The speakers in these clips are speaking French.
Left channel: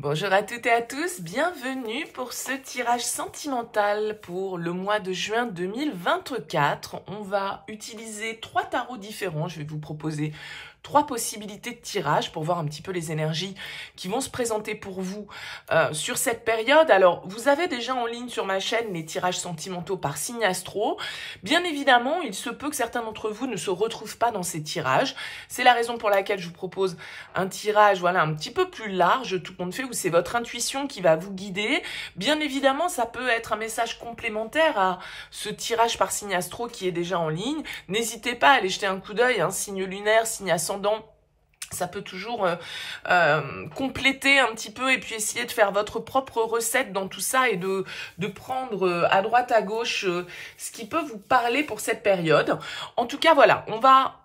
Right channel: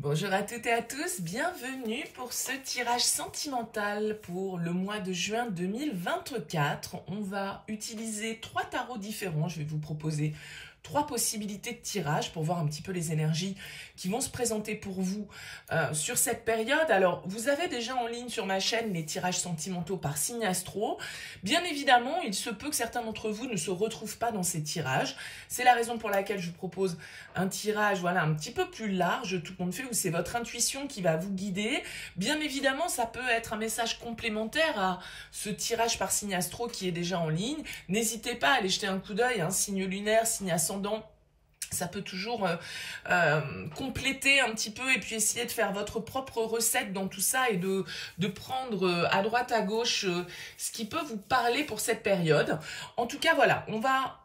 Bonjour à toutes et à tous, bienvenue pour ce tirage sentimental pour le mois de juin 2024. On va utiliser 3 tarots différents, je vais vous proposer 3 possibilités de tirage pour voir un petit peu les énergies qui vont se présenter pour vous sur cette période. Alors, vous avez déjà en ligne sur ma chaîne les tirages sentimentaux par signe astro. Bien évidemment, il se peut que certains d'entre vous ne se retrouvent pas dans ces tirages. C'est la raison pour laquelle je vous propose un tirage un petit peu plus large, tout compte fait, où c'est votre intuition qui va vous guider. Bien évidemment, ça peut être un message complémentaire à ce tirage par signe astro qui est déjà en ligne. N'hésitez pas à aller jeter un coup d'œil, signe lunaire, signe ascendant. Ça peut toujours compléter un petit peu et puis essayer de faire votre propre recette dans tout ça et de prendre à droite à gauche ce qui peut vous parler pour cette période. En tout cas, voilà, on va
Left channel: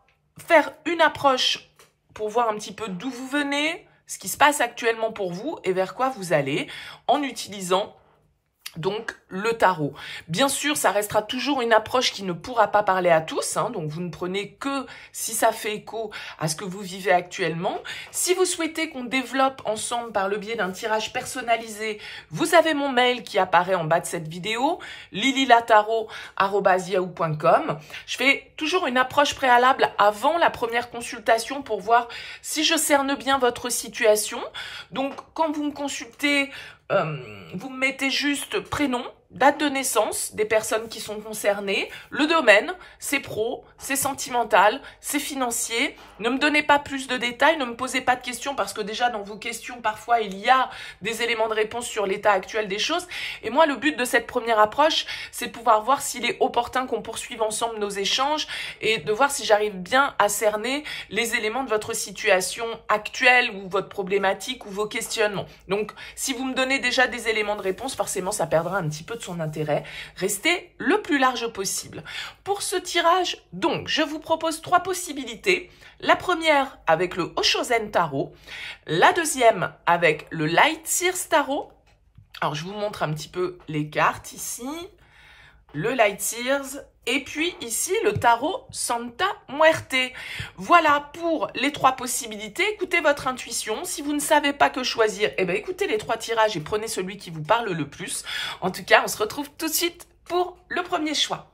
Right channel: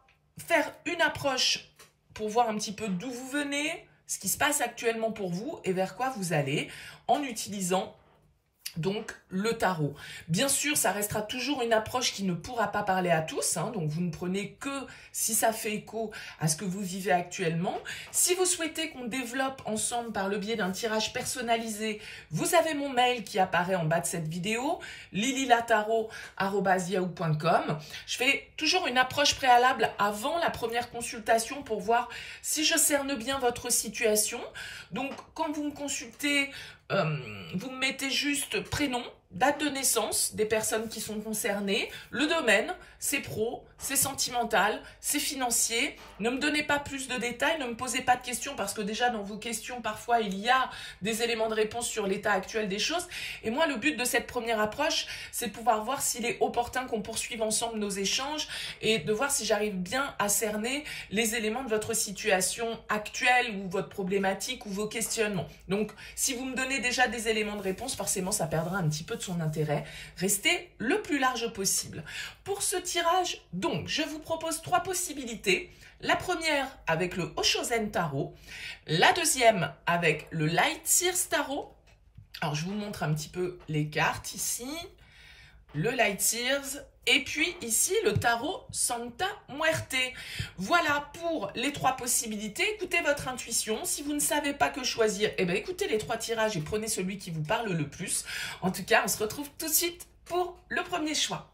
faire une approche pour voir un petit peu d'où vous venez, ce qui se passe actuellement pour vous et vers quoi vous allez en utilisant donc le tarot. Bien sûr, ça restera toujours une approche qui ne pourra pas parler à tous, donc vous ne prenez que si ça fait écho à ce que vous vivez actuellement. Si vous souhaitez qu'on développe ensemble par le biais d'un tirage personnalisé, vous avez mon mail qui apparaît en bas de cette vidéo, lililatarot@yahoo.com. Je fais toujours une approche préalable avant la première consultation pour voir si je cerne bien votre situation. Donc, quand vous me consultez, vous me mettez juste prénom, date de naissance des personnes qui sont concernées, le domaine, c'est pro, c'est sentimental, c'est financier. Ne me donnez pas plus de détails, ne me posez pas de questions parce que déjà dans vos questions, parfois, il y a des éléments de réponse sur l'état actuel des choses. Et moi, le but de cette première approche, c'est de pouvoir voir s'il est opportun qu'on poursuive ensemble nos échanges et de voir si j'arrive bien à cerner les éléments de votre situation actuelle ou votre problématique ou vos questionnements. Donc, si vous me donnez déjà des éléments de réponse, forcément, ça perdra un petit peu de son intérêt. Restez le plus large possible. Pour ce tirage, donc, je vous propose 3 possibilités. La première avec le Oshozen Tarot, la deuxième avec le Light Seers Tarot. Alors, je vous montre un petit peu les cartes ici. Le Light Seers et puis ici le tarot Santa Muerte. Voilà pour les 3 possibilités. Écoutez votre intuition. Si vous ne savez pas que choisir, écoutez les 3 tirages et prenez celui qui vous parle le plus. En tout cas, on se retrouve tout de suite pour le premier choix.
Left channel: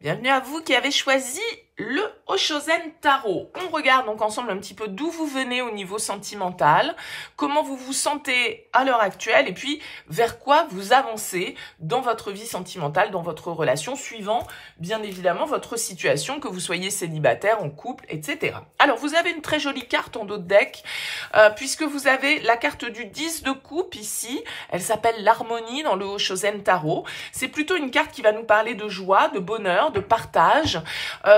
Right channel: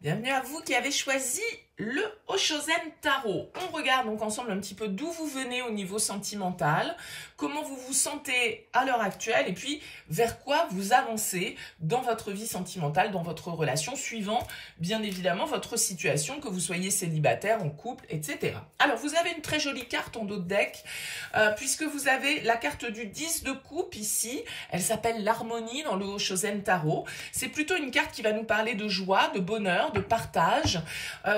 Bienvenue à vous qui avez choisi le Oshozen Tarot. On regarde donc ensemble un petit peu d'où vous venez au niveau sentimental, comment vous vous sentez à l'heure actuelle et puis vers quoi vous avancez dans votre vie sentimentale, dans votre relation, suivant bien évidemment votre situation, que vous soyez célibataire, en couple, etc. Alors vous avez une très jolie carte en dos de deck, puisque vous avez la carte du 10 de coupe ici. Elle s'appelle l'harmonie dans le Oshozen Tarot. C'est plutôt une carte qui va nous parler de joie, de bonheur, de partage.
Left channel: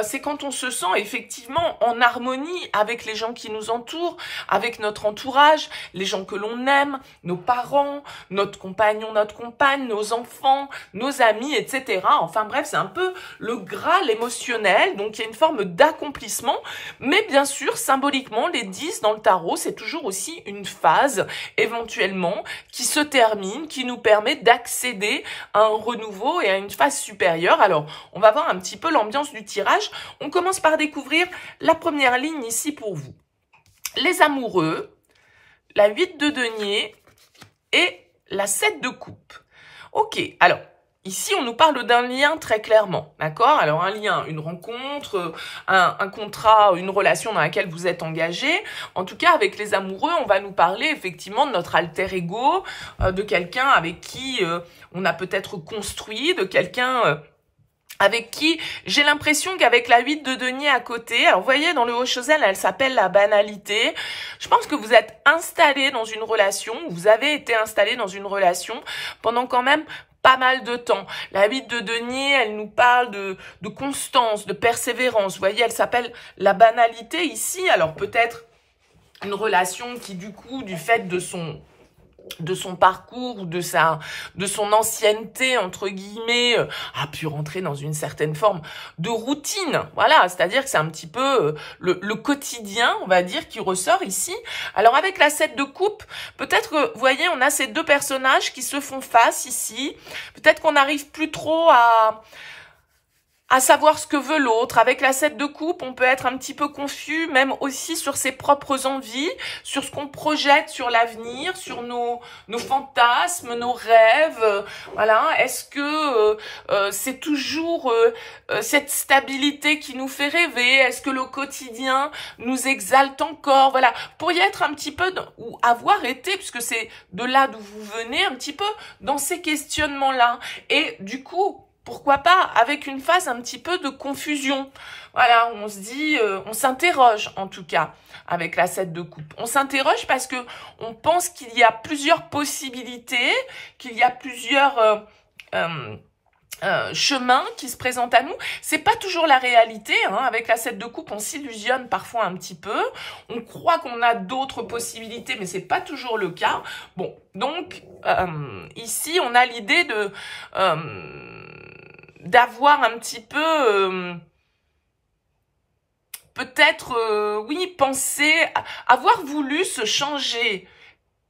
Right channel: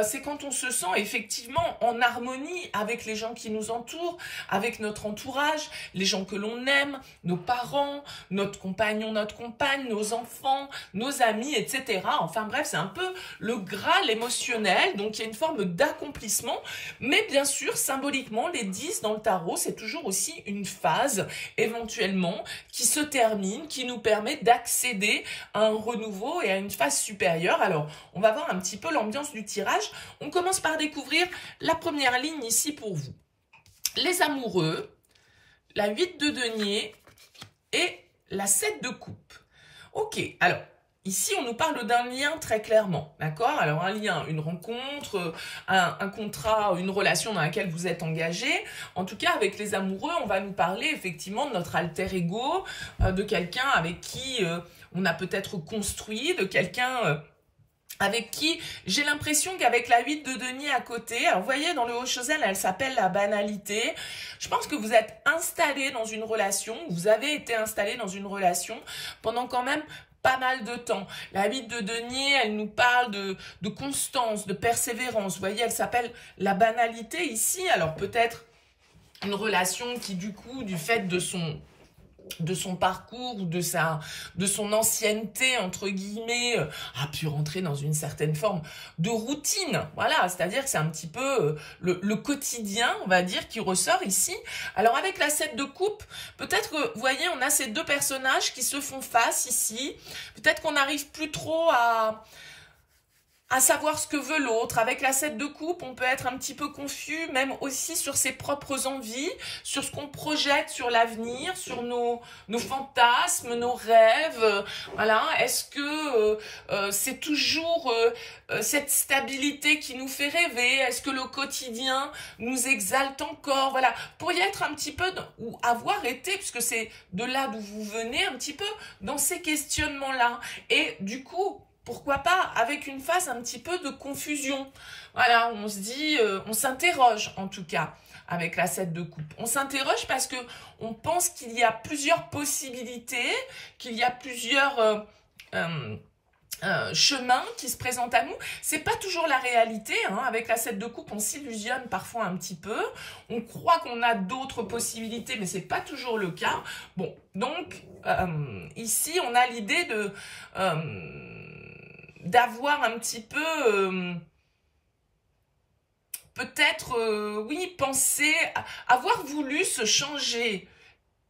C'est quand on se sent effectivement en harmonie avec les gens qui nous entourent, avec notre entourage, les gens que l'on aime, nos parents, notre compagnon, notre compagne, nos enfants, nos amis, etc. Enfin bref, c'est un peu le Graal émotionnel, donc il y a une forme d'accomplissement, mais bien sûr, symboliquement, les 10 dans le tarot, c'est toujours aussi une phase, éventuellement, qui se termine, qui nous permet d'accéder à un renouveau et à une phase supérieure. Alors, on va voir un petit peu l'ambiance du tirage. On commence par découvrir la première ligne ici pour vous. Les amoureux, la 8 de denier et la 7 de coupe. Ok, alors, ici, on nous parle d'un lien très clairement, d'accord? Alors, un lien, une rencontre, un contrat, une relation dans laquelle vous êtes engagé. En tout cas, avec les amoureux, on va nous parler effectivement de notre alter ego, de quelqu'un avec qui on a peut-être construit, de quelqu'un avec qui j'ai l'impression qu'avec la 8 de denier à côté, alors vous voyez dans le Oshozen, elle s'appelle la banalité. Je pense que vous êtes installé dans une relation, vous avez été installé dans une relation pendant quand même pas mal de temps. La 8 de denier, elle nous parle de constance, de persévérance. Vous voyez, elle s'appelle la banalité ici. Alors peut-être une relation qui du coup, du fait de son parcours, de son ancienneté, entre guillemets, a pu rentrer dans une certaine forme de routine. Voilà, c'est-à-dire que c'est un petit peu le quotidien, on va dire, qui ressort ici. Alors, avec la 7 de coupe, peut-être que, vous voyez, on a ces 2 personnages qui se font face ici. Peut-être qu'on n'arrive plus trop à à savoir ce que veut l'autre. Avec la 7 de coupe, on peut être un petit peu confus, même aussi sur ses propres envies, sur ce qu'on projette sur l'avenir, sur nos fantasmes, nos rêves. Voilà, est-ce que c'est toujours cette stabilité qui nous fait rêver? Est-ce que le quotidien nous exalte encore? Voilà, pour y être un petit peu, ou avoir été, puisque c'est de là d'où vous venez, un petit peu dans ces questionnements-là. Et du coup, pourquoi pas avec une phase un petit peu de confusion. Voilà, on se dit, on s'interroge en tout cas avec la 7 de coupe. On s'interroge parce que on pense qu'il y a plusieurs possibilités, qu'il y a plusieurs chemins qui se présentent à nous. C'est pas toujours la réalité, hein. Avec la 7 de coupe, on s'illusionne parfois un petit peu. On croit qu'on a d'autres possibilités, mais c'est pas toujours le cas. Bon, donc ici, on a l'idée de d'avoir un petit peu peut-être oui, penser, avoir voulu se changer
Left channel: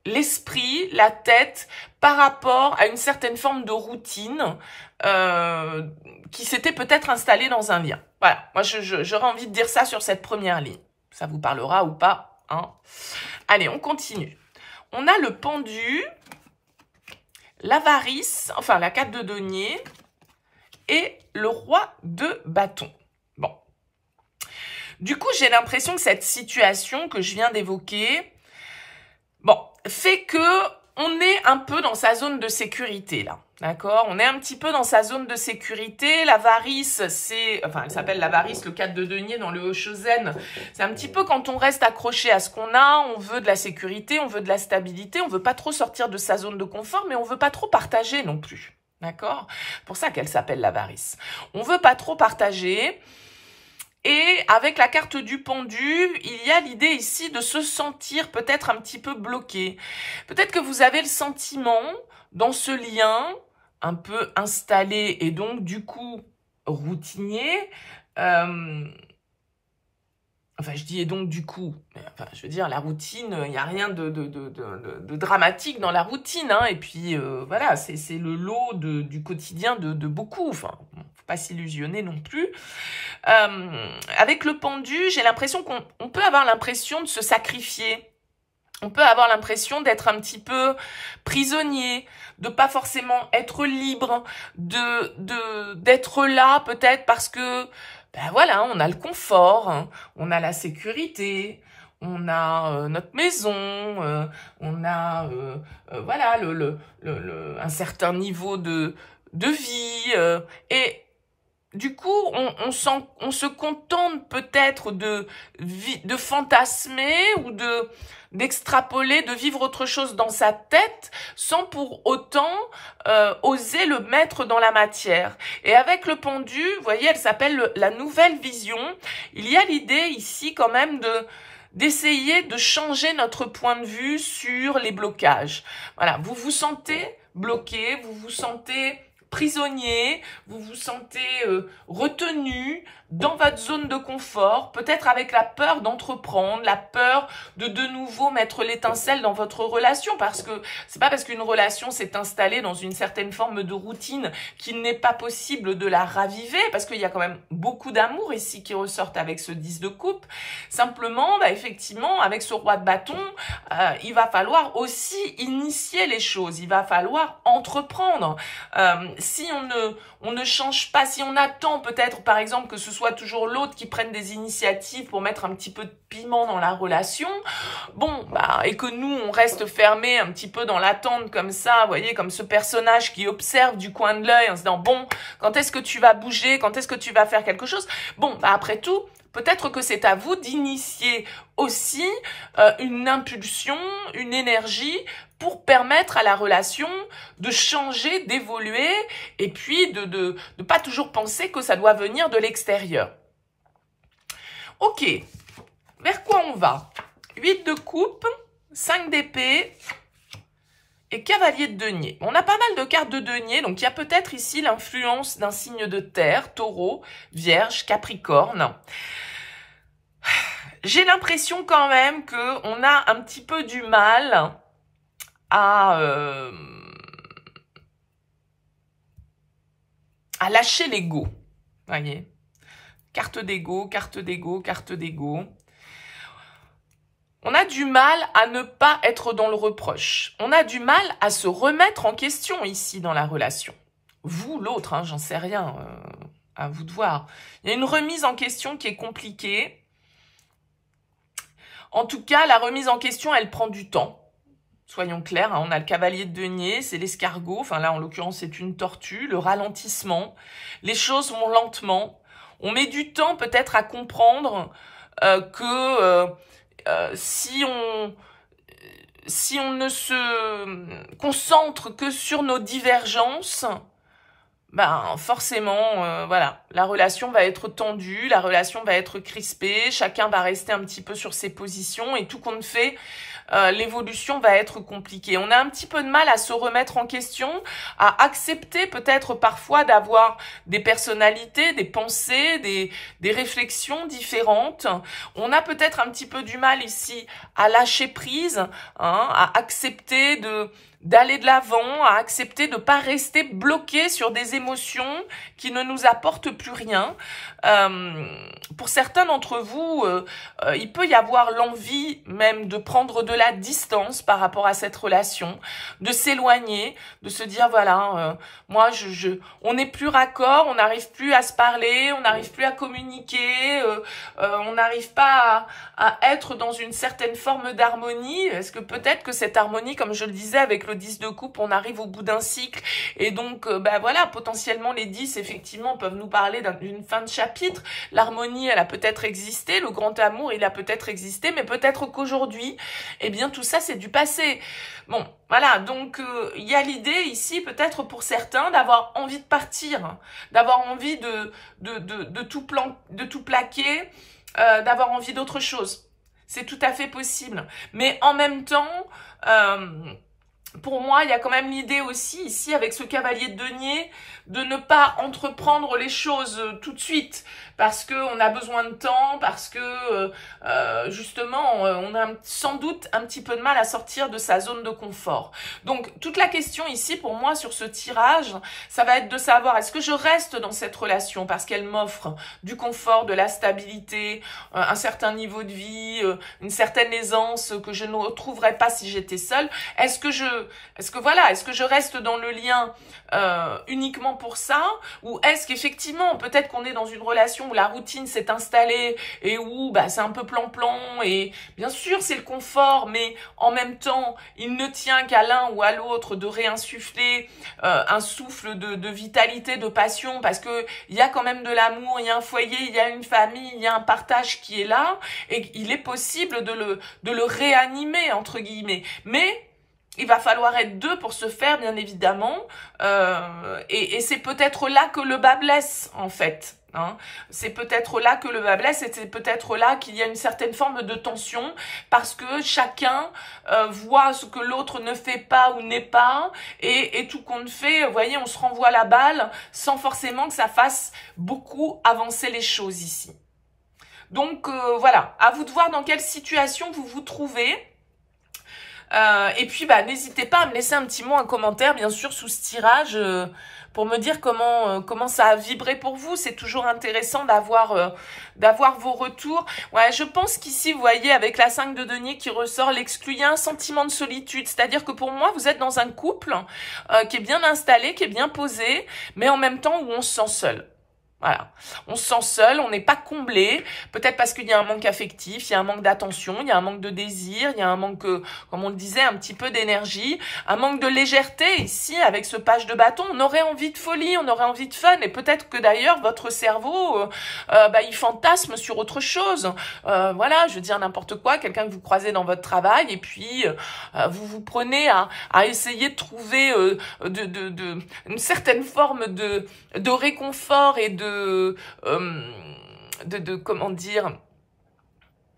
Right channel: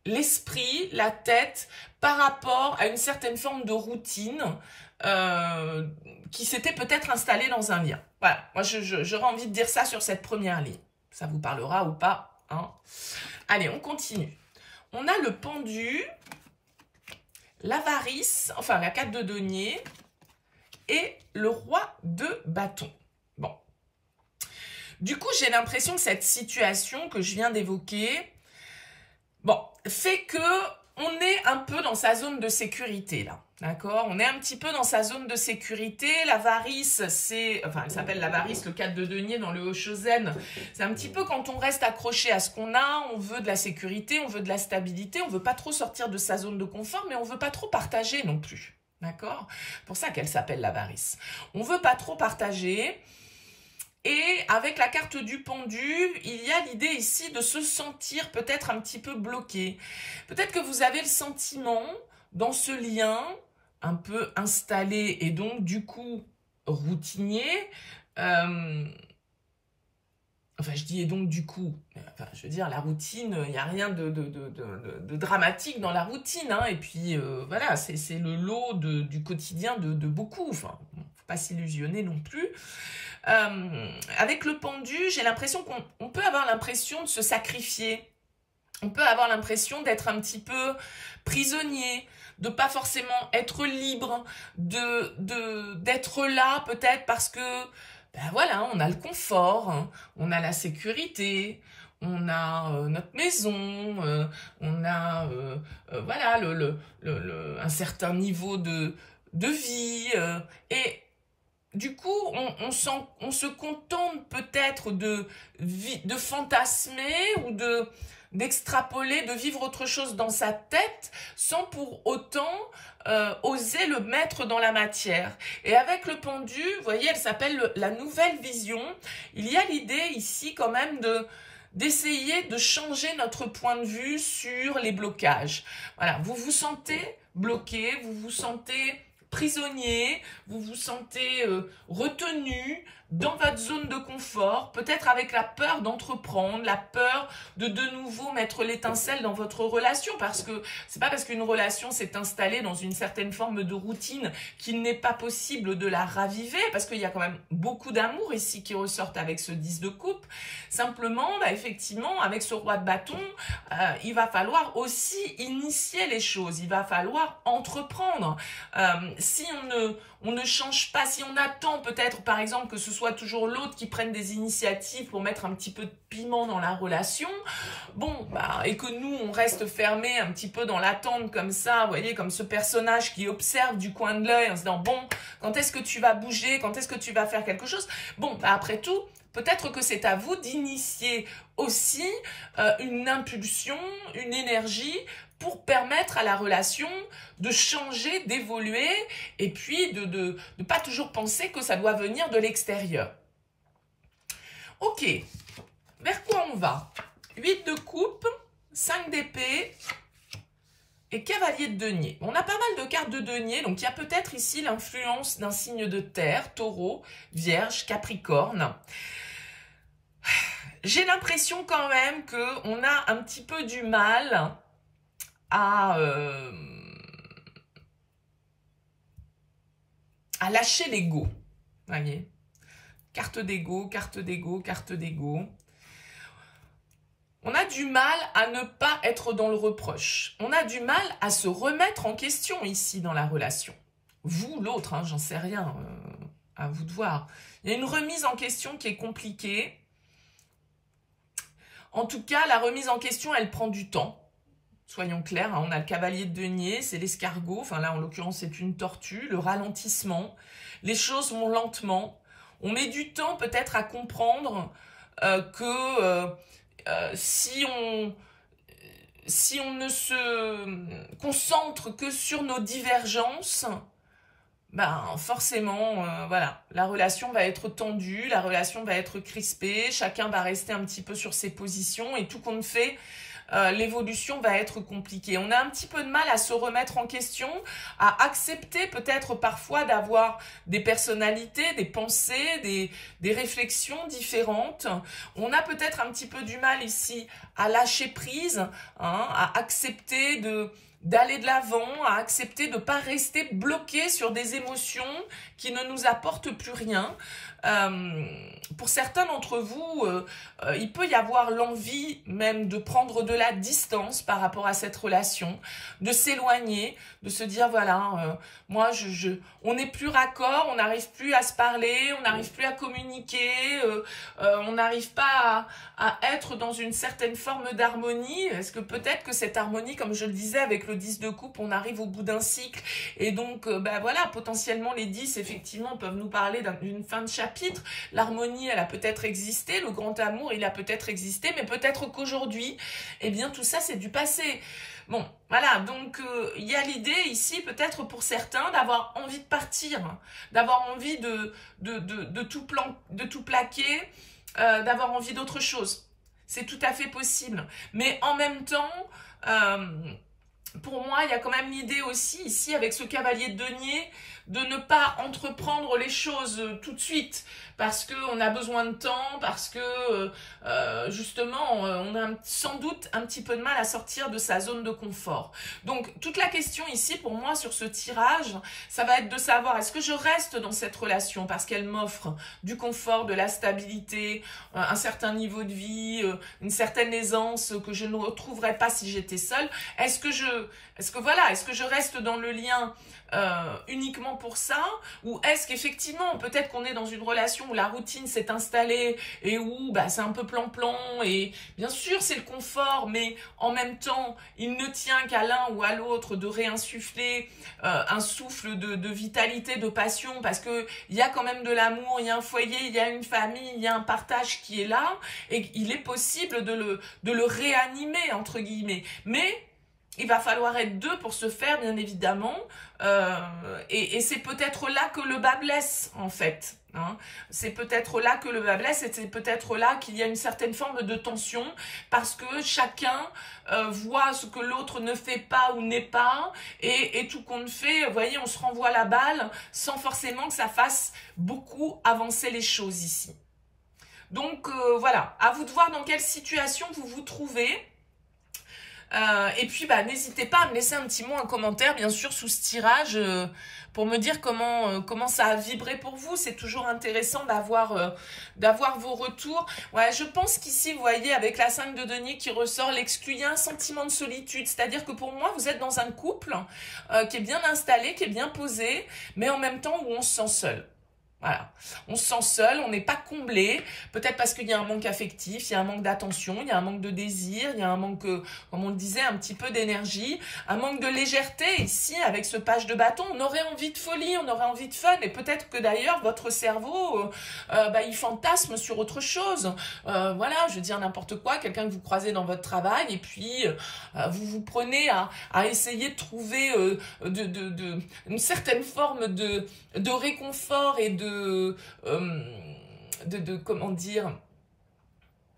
l'esprit, la tête par rapport à une certaine forme de routine qui s'était peut-être installée dans un lien. Voilà, moi j'aurais envie de dire ça sur cette première ligne. Ça vous parlera ou pas, hein? Allez, on continue. On a le pendu, l'avarice, enfin la 4 de denier, et le roi de bâton. Bon. Du coup, j'ai l'impression que cette situation que je viens d'évoquer, bon, fait que on est un peu dans sa zone de sécurité, là. D'accord? On est un petit peu dans sa zone de sécurité. L'avarice, c'est... Enfin, elle s'appelle l'avarice, le 4 de denier dans le Hoshozen. C'est un petit peu quand on reste accroché à ce qu'on a, on veut de la sécurité, on veut de la stabilité, on veut pas trop sortir de sa zone de confort, mais on veut pas trop partager non plus. D'accord? C'est pour ça qu'elle s'appelle l'avarice. On veut pas trop partager. Et avec la carte du pendu, il y a l'idée ici de se sentir peut-être un petit peu bloqué. Peut-être que vous avez le sentiment, dans ce lien, un peu installé et donc du coup routinier, enfin, je dis et donc du coup, enfin, je veux dire, la routine, il n'y a rien de dramatique dans la routine, hein, et puis voilà, c'est le lot du quotidien de beaucoup, enfin, faut pas s'illusionner non plus. Avec le pendu, j'ai l'impression qu'on peut avoir l'impression de se sacrifier, on peut avoir l'impression d'être un petit peu prisonnier, de pas forcément être libre, d'être là peut-être parce que ben voilà, on a le confort, hein, on a la sécurité, on a notre maison, on a voilà un certain niveau de vie et du coup on se contente peut-être de fantasmer ou d'extrapoler, de vivre autre chose dans sa tête sans pour autant oser le mettre dans la matière. Et avec le pendu, vous voyez, elle s'appelle la nouvelle vision. Il y a l'idée ici quand même d'essayer de changer notre point de vue sur les blocages. Voilà, vous vous sentez bloqué, vous vous sentez prisonnier, vous vous sentez retenu dans votre zone de confort, peut-être avec la peur d'entreprendre, la peur de nouveau mettre l'étincelle dans votre relation, parce que c'est pas parce qu'une relation s'est installée dans une certaine forme de routine qu'il n'est pas possible de la raviver, parce qu'il y a quand même beaucoup d'amour ici qui ressortent avec ce 10 de coupe. Simplement, bah, effectivement, avec ce roi de bâton, il va falloir aussi initier les choses, il va falloir entreprendre. Si on ne change pas, si on attend peut-être par exemple que ce soit toujours l'autre qui prenne des initiatives pour mettre un petit peu de piment dans la relation, bon, bah, et que nous on reste fermé un petit peu dans l'attente comme ça, vous voyez, comme ce personnage qui observe du coin de l'œil en se disant bon, quand est-ce que tu vas bouger, quand est-ce que tu vas faire quelque chose, bon, bah, après tout, peut-être que c'est à vous d'initier aussi une impulsion, une énergie pour permettre à la relation de changer, d'évoluer et puis de pas toujours penser que ça doit venir de l'extérieur. Ok, vers quoi on va? 8 de coupe, 5 d'épée et cavalier de denier. On a pas mal de cartes de denier, donc il y a peut-être ici l'influence d'un signe de terre, taureau, vierge, capricorne. J'ai l'impression quand même qu'on a un petit peu du mal à lâcher l'ego. Voyez, carte d'ego, carte d'ego, carte d'ego. On a du mal à ne pas être dans le reproche. On a du mal à se remettre en question ici dans la relation. Vous, l'autre, hein, j'en sais rien, à vous de voir. Il y a une remise en question qui est compliquée. En tout cas, la remise en question, elle prend du temps. Soyons clairs, hein, on a le cavalier de denier, c'est l'escargot. Enfin là, en l'occurrence, c'est une tortue. Le ralentissement. Les choses vont lentement. On met du temps peut-être à comprendre que... si on ne se concentre que sur nos divergences, ben forcément, voilà, la relation va être tendue, la relation va être crispée, chacun va rester un petit peu sur ses positions et tout compte fait, l'évolution va être compliquée. On a un petit peu de mal à se remettre en question, à accepter peut-être parfois d'avoir des personnalités, des pensées, des réflexions différentes. On a peut-être un petit peu du mal ici à lâcher prise, hein, à accepter d'aller de l'avant, à accepter de ne pas rester bloqué sur des émotions qui ne nous apportent plus rien. Pour certains d'entre vous, il peut y avoir l'envie même de prendre de la distance par rapport à cette relation, de s'éloigner, de se dire voilà, moi on n'est plus raccord, on n'arrive plus à se parler, on n'arrive plus à communiquer, on n'arrive pas à être dans une certaine forme d'harmonie. Est-ce que peut-être que cette harmonie, comme je le disais avec le 10 de coupe, on arrive au bout d'un cycle et donc voilà, potentiellement les 10 effectivement peuvent nous parler d'une fin de chapitre. L'harmonie, elle a peut-être existé, le grand amour, il a peut-être existé, mais peut-être qu'aujourd'hui, eh bien tout ça c'est du passé. Bon, voilà, donc il y a l'idée ici peut-être pour certains d'avoir envie de partir, d'avoir envie de tout plaquer, d'avoir envie d'autre chose. C'est tout à fait possible. Mais en même temps, pour moi, il y a quand même l'idée aussi, ici, avec ce cavalier de denier, de ne pas entreprendre les choses tout de suite, parce qu'on a besoin de temps, parce que, justement, on a sans doute un petit peu de mal à sortir de sa zone de confort. Donc, toute la question ici, pour moi, sur ce tirage, ça va être de savoir, est-ce que je reste dans cette relation parce qu'elle m'offre du confort, de la stabilité, un certain niveau de vie, une certaine aisance que je ne retrouverais pas si j'étais seule. Est-ce que je reste dans le lien uniquement pour ça, ou est-ce qu'effectivement, peut-être qu'on est dans une relation où la routine s'est installée et où c'est un peu plan-plan, et bien sûr c'est le confort, mais en même temps, il ne tient qu'à l'un ou à l'autre de réinsuffler un souffle de vitalité, de passion, parce que il y a quand même de l'amour, il y a un foyer, il y a une famille, il y a un partage qui est là, et il est possible de le réanimer, entre guillemets. Mais il va falloir être deux pour se faire, bien évidemment, et c'est peut-être là que le bas blesse, en fait. Hein. C'est peut-être là que le bas blesse, et c'est peut-être là qu'il y a une certaine forme de tension, parce que chacun voit ce que l'autre ne fait pas ou n'est pas, et tout compte fait, vous voyez, on se renvoie la balle sans forcément que ça fasse beaucoup avancer les choses ici. Donc voilà, à vous de voir dans quelle situation vous vous trouvez. Et puis n'hésitez pas à me laisser un petit mot, un commentaire bien sûr sous ce tirage pour me dire comment ça a vibré pour vous. C'est toujours intéressant d'avoir vos retours. Ouais, je pense qu'ici vous voyez avec la 5 de denier qui ressort l'exclu, il y a un sentiment de solitude, c'est-à-dire que pour moi vous êtes dans un couple qui est bien installé, qui est bien posé, mais en même temps où on se sent seul. Voilà, on se sent seul, on n'est pas comblé, peut-être parce qu'il y a un manque affectif, il y a un manque d'attention, il y a un manque de désir, il y a un manque, comme on le disait, un petit peu d'énergie, un manque de légèreté ici avec ce page de bâton. On aurait envie de folie, on aurait envie de fun, et peut-être que d'ailleurs votre cerveau, il fantasme sur autre chose. Voilà, je veux dire n'importe quoi, quelqu'un que vous croisez dans votre travail, et puis vous vous prenez à essayer de trouver une certaine forme de réconfort et comment dire,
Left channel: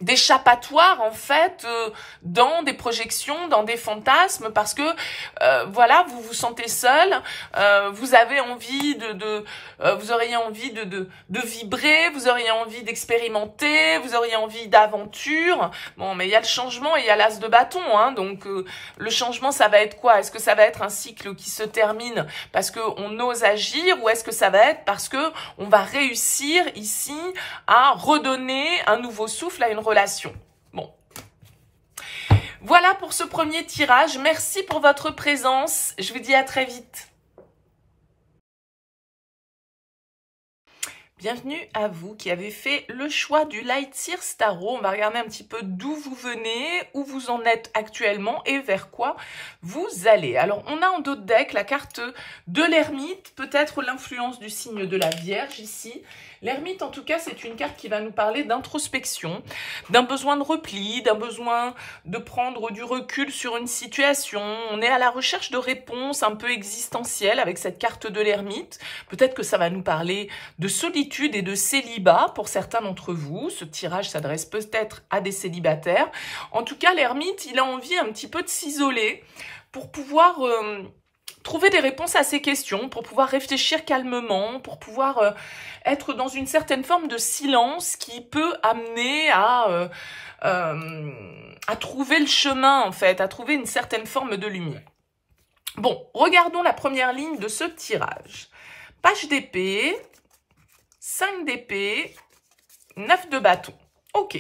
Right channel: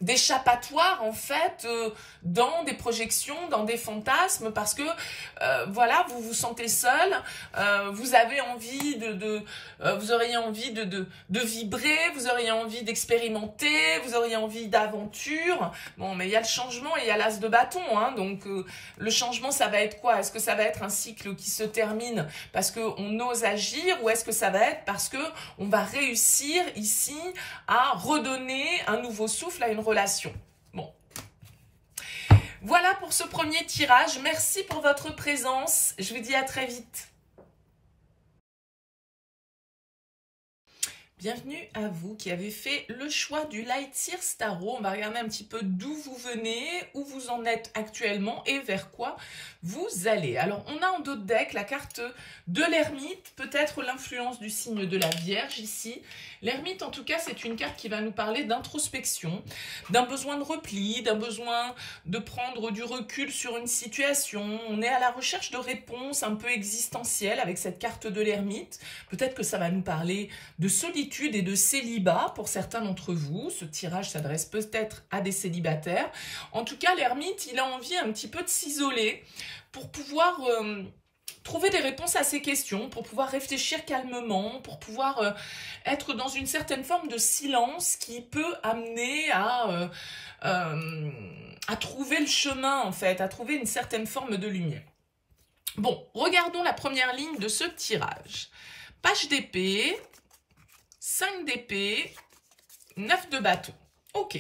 d'échappatoire en fait dans des projections, dans des fantasmes, parce que voilà, vous vous sentez seul, vous avez envie vous auriez envie de vibrer, vous auriez envie d'expérimenter, vous auriez envie d'aventure. Bon, mais il y a le changement et il y a l'as de bâton, hein, donc le changement, ça va être quoi? Est-ce que ça va être un cycle qui se termine parce que on ose agir, ou est-ce que ça va être parce que on va réussir ici à redonner un nouveau souffle à une relation? Bon. Voilà pour ce premier tirage. Merci pour votre présence. Je vous dis à très vite. Bienvenue à vous qui avez fait le choix du Light Seers Tarot. On va regarder un petit peu d'où vous venez, où vous en êtes actuellement et vers quoi vous allez. Alors, on a en dos de deck la carte de l'ermite, peut-être l'influence du signe de la Vierge ici. L'ermite, en tout cas, c'est une carte qui va nous parler d'introspection, d'un besoin de repli, d'un besoin de prendre du recul sur une situation. On est à la recherche de réponses un peu existentielles avec cette carte de l'ermite. Peut-être que ça va nous parler de solitude et de célibat pour certains d'entre vous. Ce tirage s'adresse peut-être à des célibataires. En tout cas, l'ermite, il a envie un petit peu de s'isoler pour pouvoir trouver des réponses à ces questions, pour pouvoir réfléchir calmement, pour pouvoir être dans une certaine forme de silence qui peut amener à trouver le chemin, en fait, à trouver une certaine forme de lumière. Bon, regardons la première ligne de ce tirage. Page d'épée, 5 d'épée, 9 de bâton. Ok.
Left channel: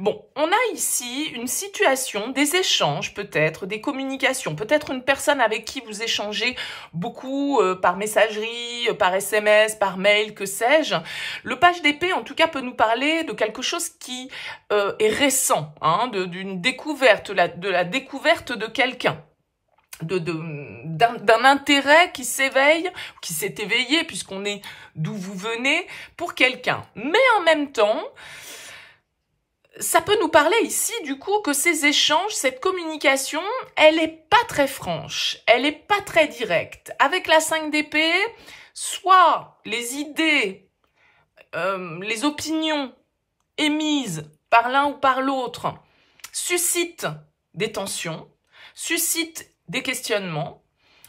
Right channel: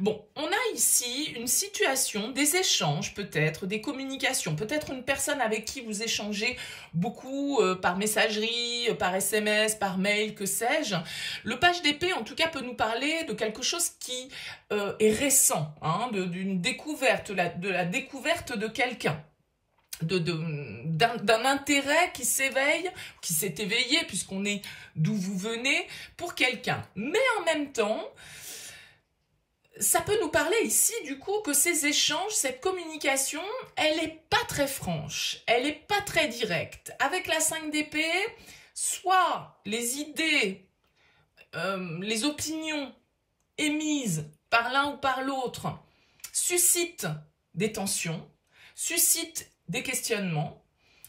Bon, on a ici une situation, des échanges peut-être, des communications, peut-être une personne avec qui vous échangez beaucoup par messagerie, par SMS, par mail, que sais-je. Le page d'épée, en tout cas, peut nous parler de quelque chose qui est récent, hein, d'une découverte, de la découverte de quelqu'un. D'un intérêt qui s'éveille, qui s'est éveillé, puisqu'on est d'où vous venez, pour quelqu'un. Mais en même temps, ça peut nous parler ici, du coup, que ces échanges, cette communication, elle est pas très franche, elle est pas très directe. Avec la 5 d'épée, soit les idées, les opinions émises par l'un ou par l'autre suscitent des tensions, suscitent des questionnements,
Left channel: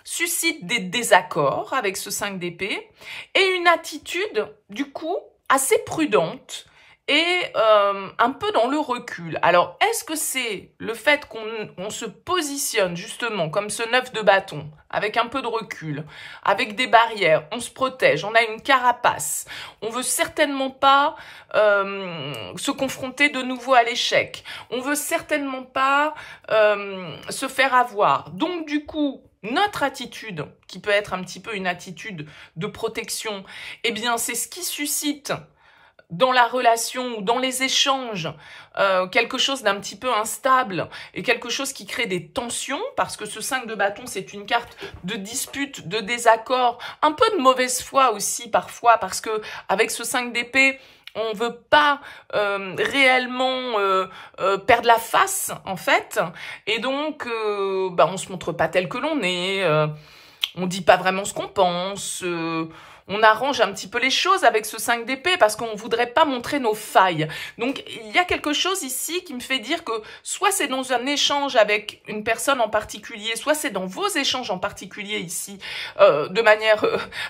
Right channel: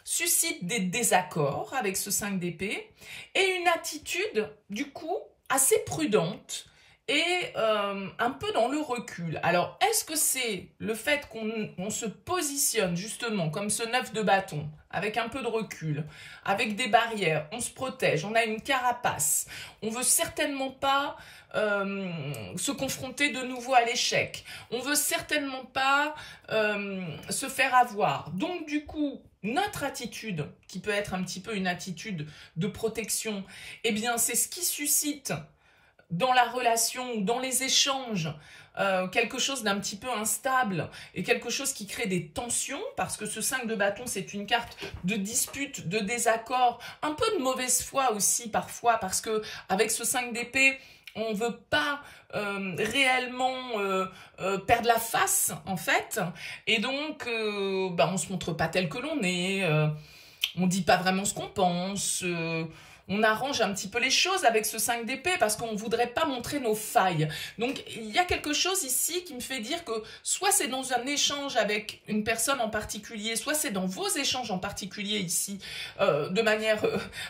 suscitent des désaccords avec ce 5 d'épée, et une attitude, du coup, assez prudente, et un peu dans le recul. Alors, est-ce que c'est le fait qu'on se positionne justement comme ce 9 de bâton, avec un peu de recul, avec des barrières, on se protège, on a une carapace, on veut certainement pas se confronter de nouveau à l'échec, on veut certainement pas se faire avoir. Donc du coup, notre attitude, qui peut être un petit peu une attitude de protection, eh bien c'est ce qui suscite dans la relation ou dans les échanges, quelque chose d'un petit peu instable et quelque chose qui crée des tensions, parce que ce 5 de bâton, c'est une carte de dispute, de désaccord, un peu de mauvaise foi aussi parfois, parce que avec ce 5 d'épée, on ne veut pas réellement perdre la face, en fait, et donc on se montre pas tel que l'on est, on dit pas vraiment ce qu'on pense, on arrange un petit peu les choses avec ce 5 d'épée parce qu'on ne voudrait pas montrer nos failles. Donc, il y a quelque chose ici qui me fait dire que soit c'est dans un échange avec une personne en particulier, soit c'est dans vos échanges en particulier ici, de manière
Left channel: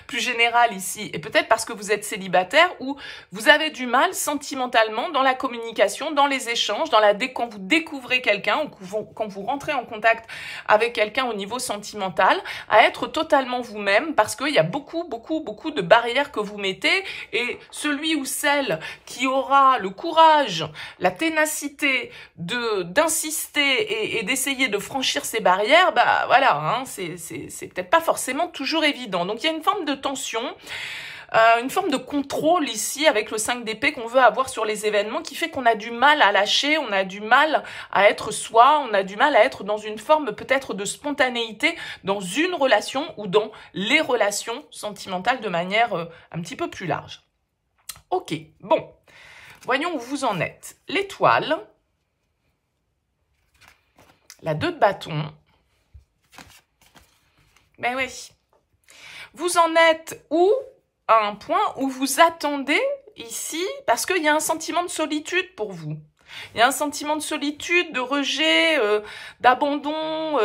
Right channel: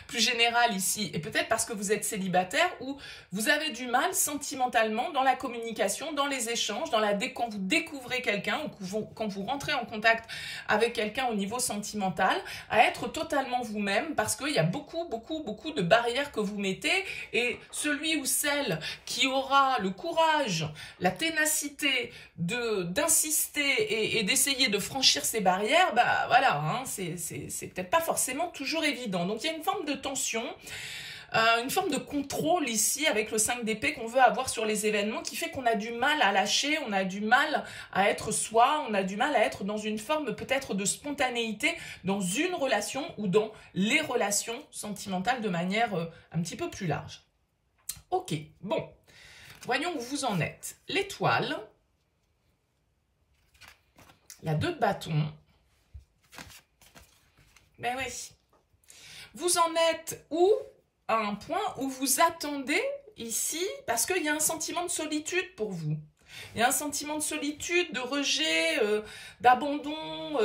plus générale ici, et peut-être parce que vous êtes célibataire ou vous avez du mal sentimentalement dans la communication, dans les échanges, quand vous découvrez quelqu'un ou quand vous rentrez en contact avec quelqu'un au niveau sentimental, à être totalement vous-même parce qu'il y a beaucoup de barrières que vous mettez, et celui ou celle qui aura le courage, la ténacité d'insister et d'essayer de franchir ces barrières, bah voilà, hein, c'est peut-être pas forcément toujours évident. Donc il y a une forme de tension, une forme de contrôle ici avec le 5 d'épée qu'on veut avoir sur les événements, qui fait qu'on a du mal à lâcher, on a du mal à être soi, on a du mal à être dans une forme peut-être de spontanéité dans une relation ou dans les relations sentimentales de manière un petit peu plus large. Ok, bon, voyons où vous en êtes. L'étoile, la 2 de bâton, ben oui, vous en êtes où? À un point où vous attendez ici, parce qu'il y a un sentiment de solitude pour vous. Il y a un sentiment de solitude, de rejet, d'abandon,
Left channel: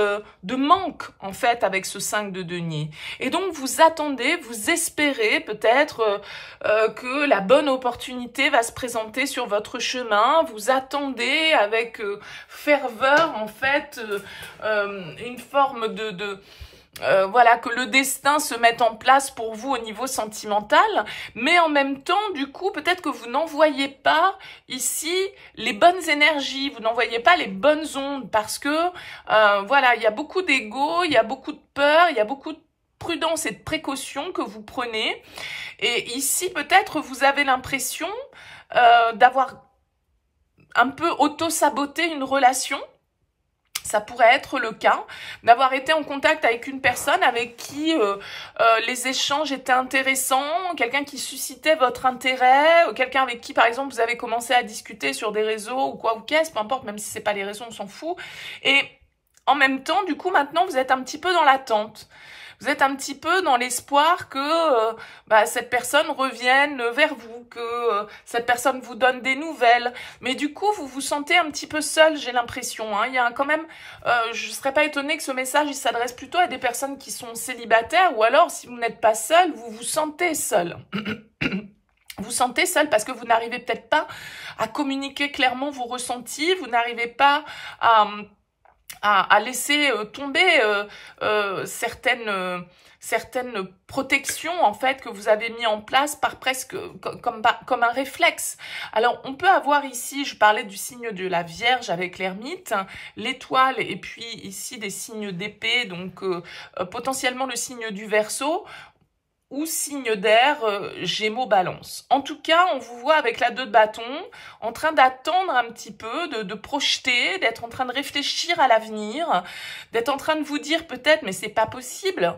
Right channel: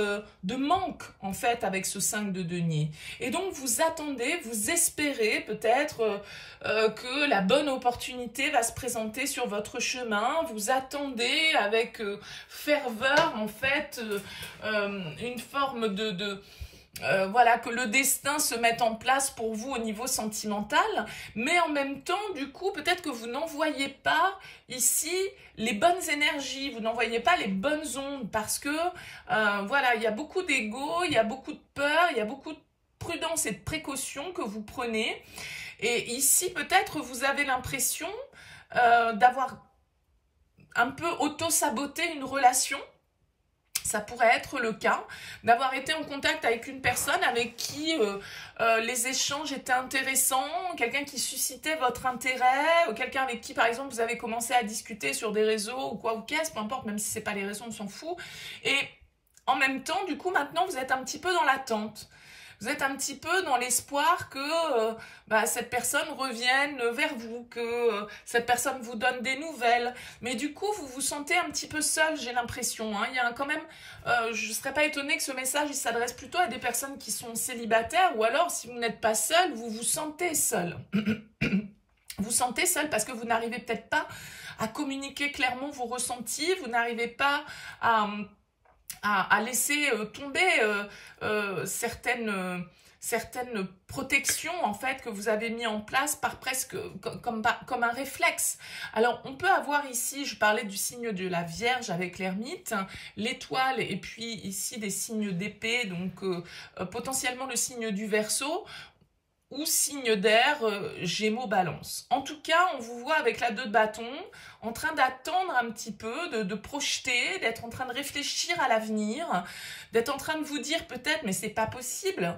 de manque, en fait, avec ce 5 de denier. Et donc, vous attendez, vous espérez peut-être que la bonne opportunité va se présenter sur votre chemin. Vous attendez avec ferveur, en fait, une forme voilà, que le destin se mette en place pour vous au niveau sentimental, mais en même temps, du coup, peut-être que vous n'envoyez pas ici les bonnes énergies, vous n'envoyez pas les bonnes ondes, parce que, voilà, il y a beaucoup d'ego, il y a beaucoup de peur, il y a beaucoup de prudence et de précaution que vous prenez, et ici, peut-être, vous avez l'impression d'avoir un peu auto-saboté une relation. Ça pourrait être le cas, d'avoir été en contact avec une personne avec qui les échanges étaient intéressants, quelqu'un qui suscitait votre intérêt, quelqu'un avec qui, par exemple, vous avez commencé à discuter sur des réseaux ou quoi ou qu'est-ce, peu importe, même si c'est pas les réseaux, on s'en fout. Et en même temps, du coup, maintenant, vous êtes un petit peu dans l'attente. Vous êtes un petit peu dans l'espoir que cette personne revienne vers vous, que cette personne vous donne des nouvelles. Mais du coup, vous vous sentez un petit peu seul, j'ai l'impression. Hein. Il y a quand même, je ne serais pas étonnée que ce message il s'adresse plutôt à des personnes qui sont célibataires, ou alors, si vous n'êtes pas seul, vous vous sentez seul. Vous sentez seul parce que vous n'arrivez peut-être pas à communiquer clairement vos ressentis, vous n'arrivez pas à laisser tomber certaines protections en fait que vous avez mis en place par presque comme un réflexe. Alors on peut avoir ici, je parlais du signe de la Vierge avec l'ermite, l'étoile et puis ici des signes d'épée, donc potentiellement le signe du Verseau, ou signe d'air, Gémeaux, Balance. En tout cas, on vous voit avec la 2 de bâton, en train d'attendre un petit peu, de projeter, d'être en train de réfléchir à l'avenir, d'être en train de vous dire peut-être, mais c'est pas possible,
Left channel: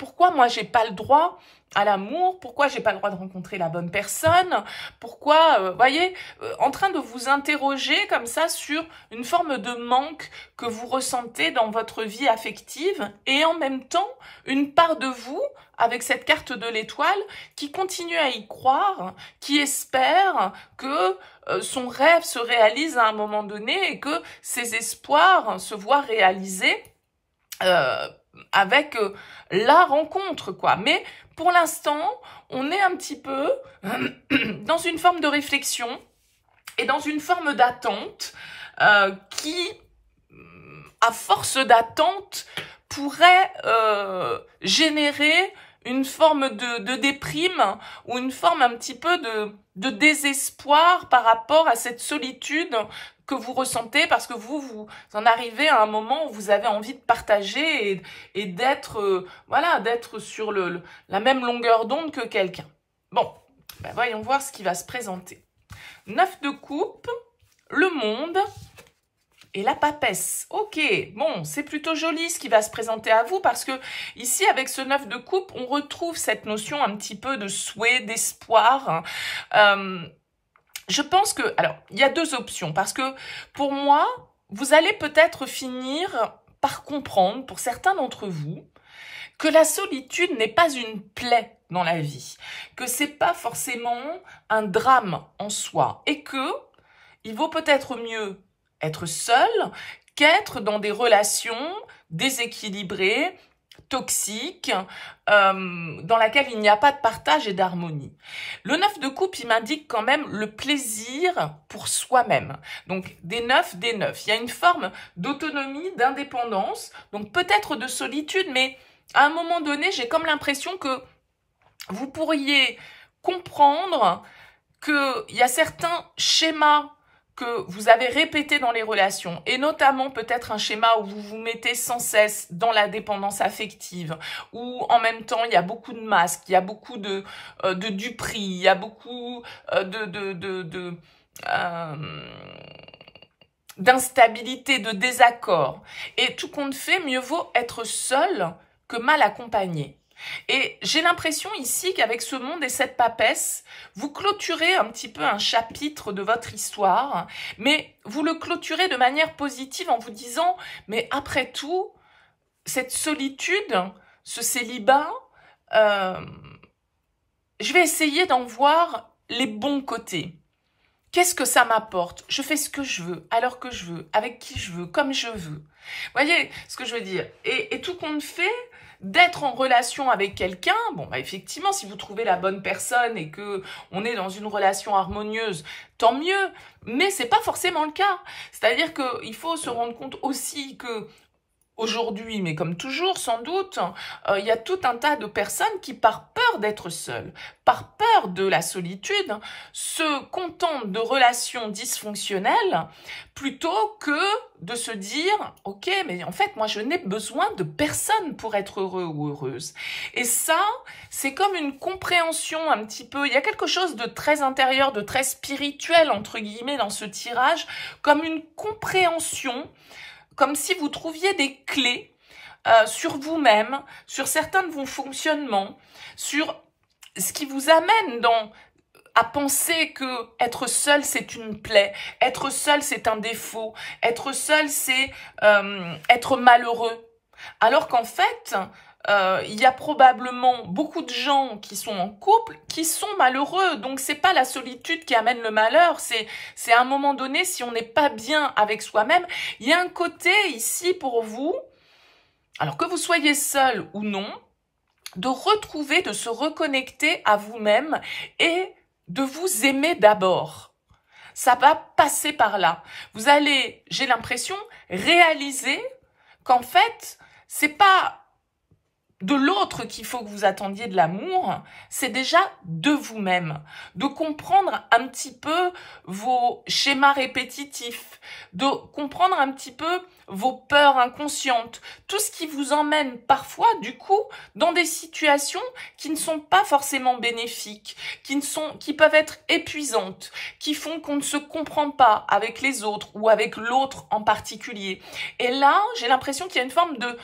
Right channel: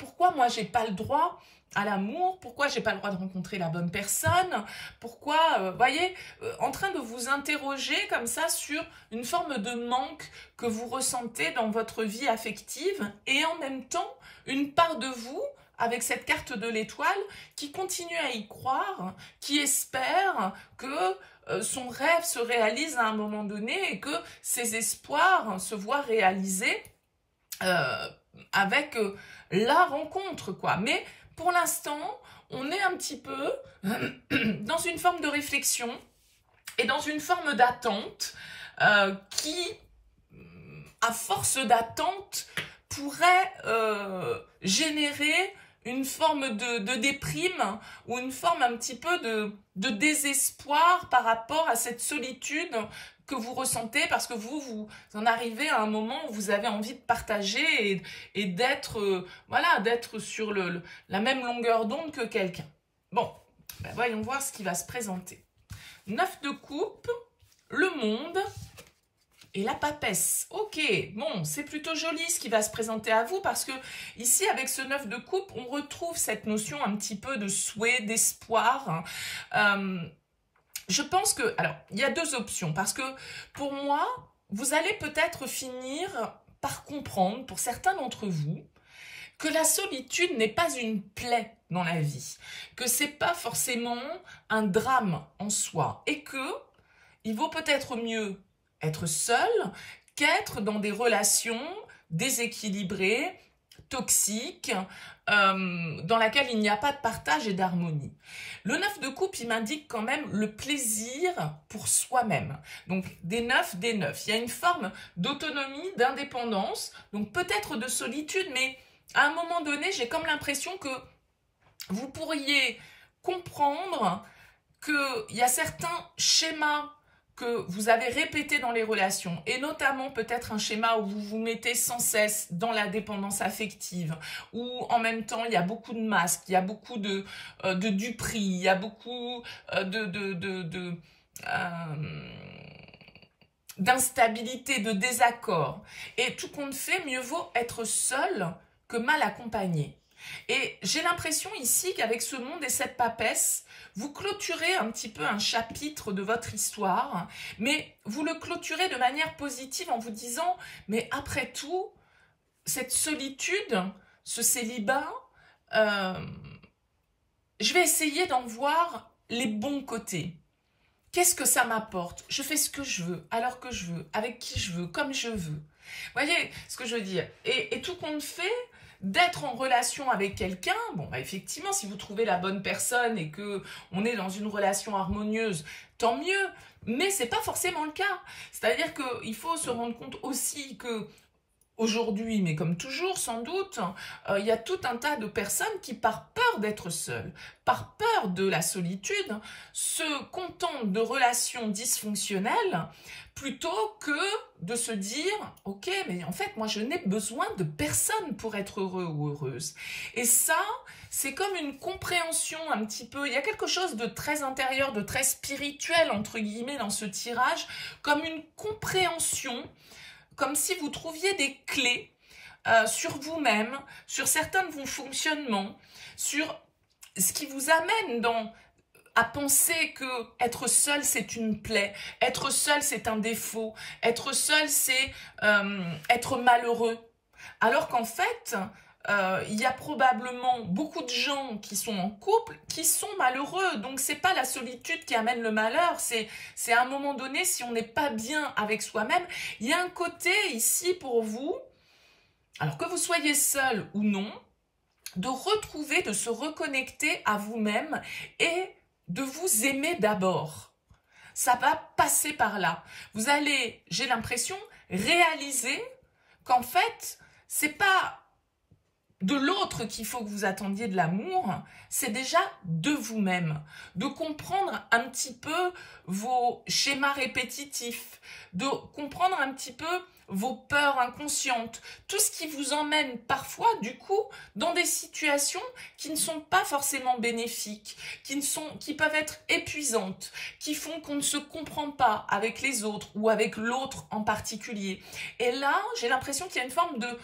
pourquoi moi j'ai pas le droit à l'amour, pourquoi j'ai pas le droit de rencontrer la bonne personne, pourquoi, voyez, en train de vous interroger comme ça sur une forme de manque que vous ressentez dans votre vie affective, et en même temps, une part de vous, avec cette carte de l'étoile, qui continue à y croire, qui espère que son rêve se réalise à un moment donné et que ses espoirs se voient réalisés avec la rencontre, quoi. Mais pour l'instant, on est un petit peu dans une forme de réflexion et dans une forme d'attente qui, à force d'attente, pourrait générer une forme de déprime ou une forme un petit peu de désespoir par rapport à cette solitude que vous ressentez parce que vous en arrivez à un moment où vous avez envie de partager et d'être voilà, d'être sur la même longueur d'onde que quelqu'un. Bon, voyons voir ce qui va se présenter. 9 de coupe, le monde et la papesse. Ok, bon, c'est plutôt joli ce qui va se présenter à vous parce que ici, avec ce 9 de coupe, on retrouve cette notion un petit peu de souhait, d'espoir. Je pense que, alors, il y a 2 options parce que pour moi, vous allez peut-être finir par comprendre, pour certains d'entre vous, que la solitude n'est pas une plaie dans la vie, que c'est pas forcément un drame en soi et que il vaut peut-être mieux être seul qu'être dans des relations déséquilibrées, toxiques, dans laquelle il n'y a pas de partage et d'harmonie. Le 9 de coupe, il m'indique quand même le plaisir pour soi-même. Donc, des 9. Il y a une forme d'autonomie, d'indépendance, donc peut-être de solitude, mais à un moment donné, j'ai comme l'impression que vous pourriez comprendre qu'il y a certains schémas que vous avez répété dans les relations, et notamment peut-être un schéma où vous vous mettez sans cesse dans la dépendance affective, où en même temps il y a beaucoup de masques, il y a beaucoup de duperie, il y a beaucoup d'instabilité, de désaccord. Et tout compte fait, mieux vaut être seul que mal accompagné. Et j'ai l'impression ici qu'avec ce monde et cette papesse, vous clôturez un petit peu un chapitre de votre histoire, mais vous le clôturez de manière positive en vous disant, mais après tout, cette solitude, ce célibat, je vais essayer d'en voir les bons côtés. Qu'est-ce que ça m'apporte? Je fais ce que je veux, à l'heure que je veux, avec qui je veux, comme je veux. Vous voyez ce que je veux dire? Et tout compte fait, d'être en relation avec quelqu'un, bon, bah effectivement, si vous trouvez la bonne personne et que on est dans une relation harmonieuse, tant mieux, mais c'est pas forcément le cas. C'est-à-dire qu'il faut se rendre compte aussi que aujourd'hui, mais comme toujours sans doute, il y a tout un tas de personnes qui, par peur d'être seules, par peur de la solitude, se contentent de relations dysfonctionnelles plutôt que de se dire « Ok, mais en fait, moi, je n'ai besoin de personne pour être heureux ou heureuse. » Et ça, c'est comme une compréhension un petit peu, il y a quelque chose de très intérieur, de très spirituel, entre guillemets, dans ce tirage, comme une compréhension, comme si vous trouviez des clés sur vous-même, sur certains de vos fonctionnements, sur ce qui vous amène à penser que être seul, c'est une plaie, être seul, c'est un défaut, être seul, c'est être malheureux. Alors qu'en fait, il y a probablement beaucoup de gens qui sont en couple qui sont malheureux. Donc, c'est pas la solitude qui amène le malheur. C'est à un moment donné, si on n'est pas bien avec soi-même, il y a un côté ici pour vous, alors que vous soyez seul ou non, de retrouver, de se reconnecter à vous-même et de vous aimer d'abord. Ça va passer par là. Vous allez, j'ai l'impression, réaliser qu'en fait, c'est pas de l'autre qu'il faut que vous attendiez de l'amour, c'est déjà de vous-même, de comprendre un petit peu vos schémas répétitifs, de comprendre un petit peu vos peurs inconscientes, tout ce qui vous emmène parfois, du coup, dans des situations qui ne sont pas forcément bénéfiques, qui peuvent être épuisantes, qui font qu'on ne se comprend pas avec les autres ou avec l'autre en particulier. Et là, j'ai l'impression qu'il y a une forme de...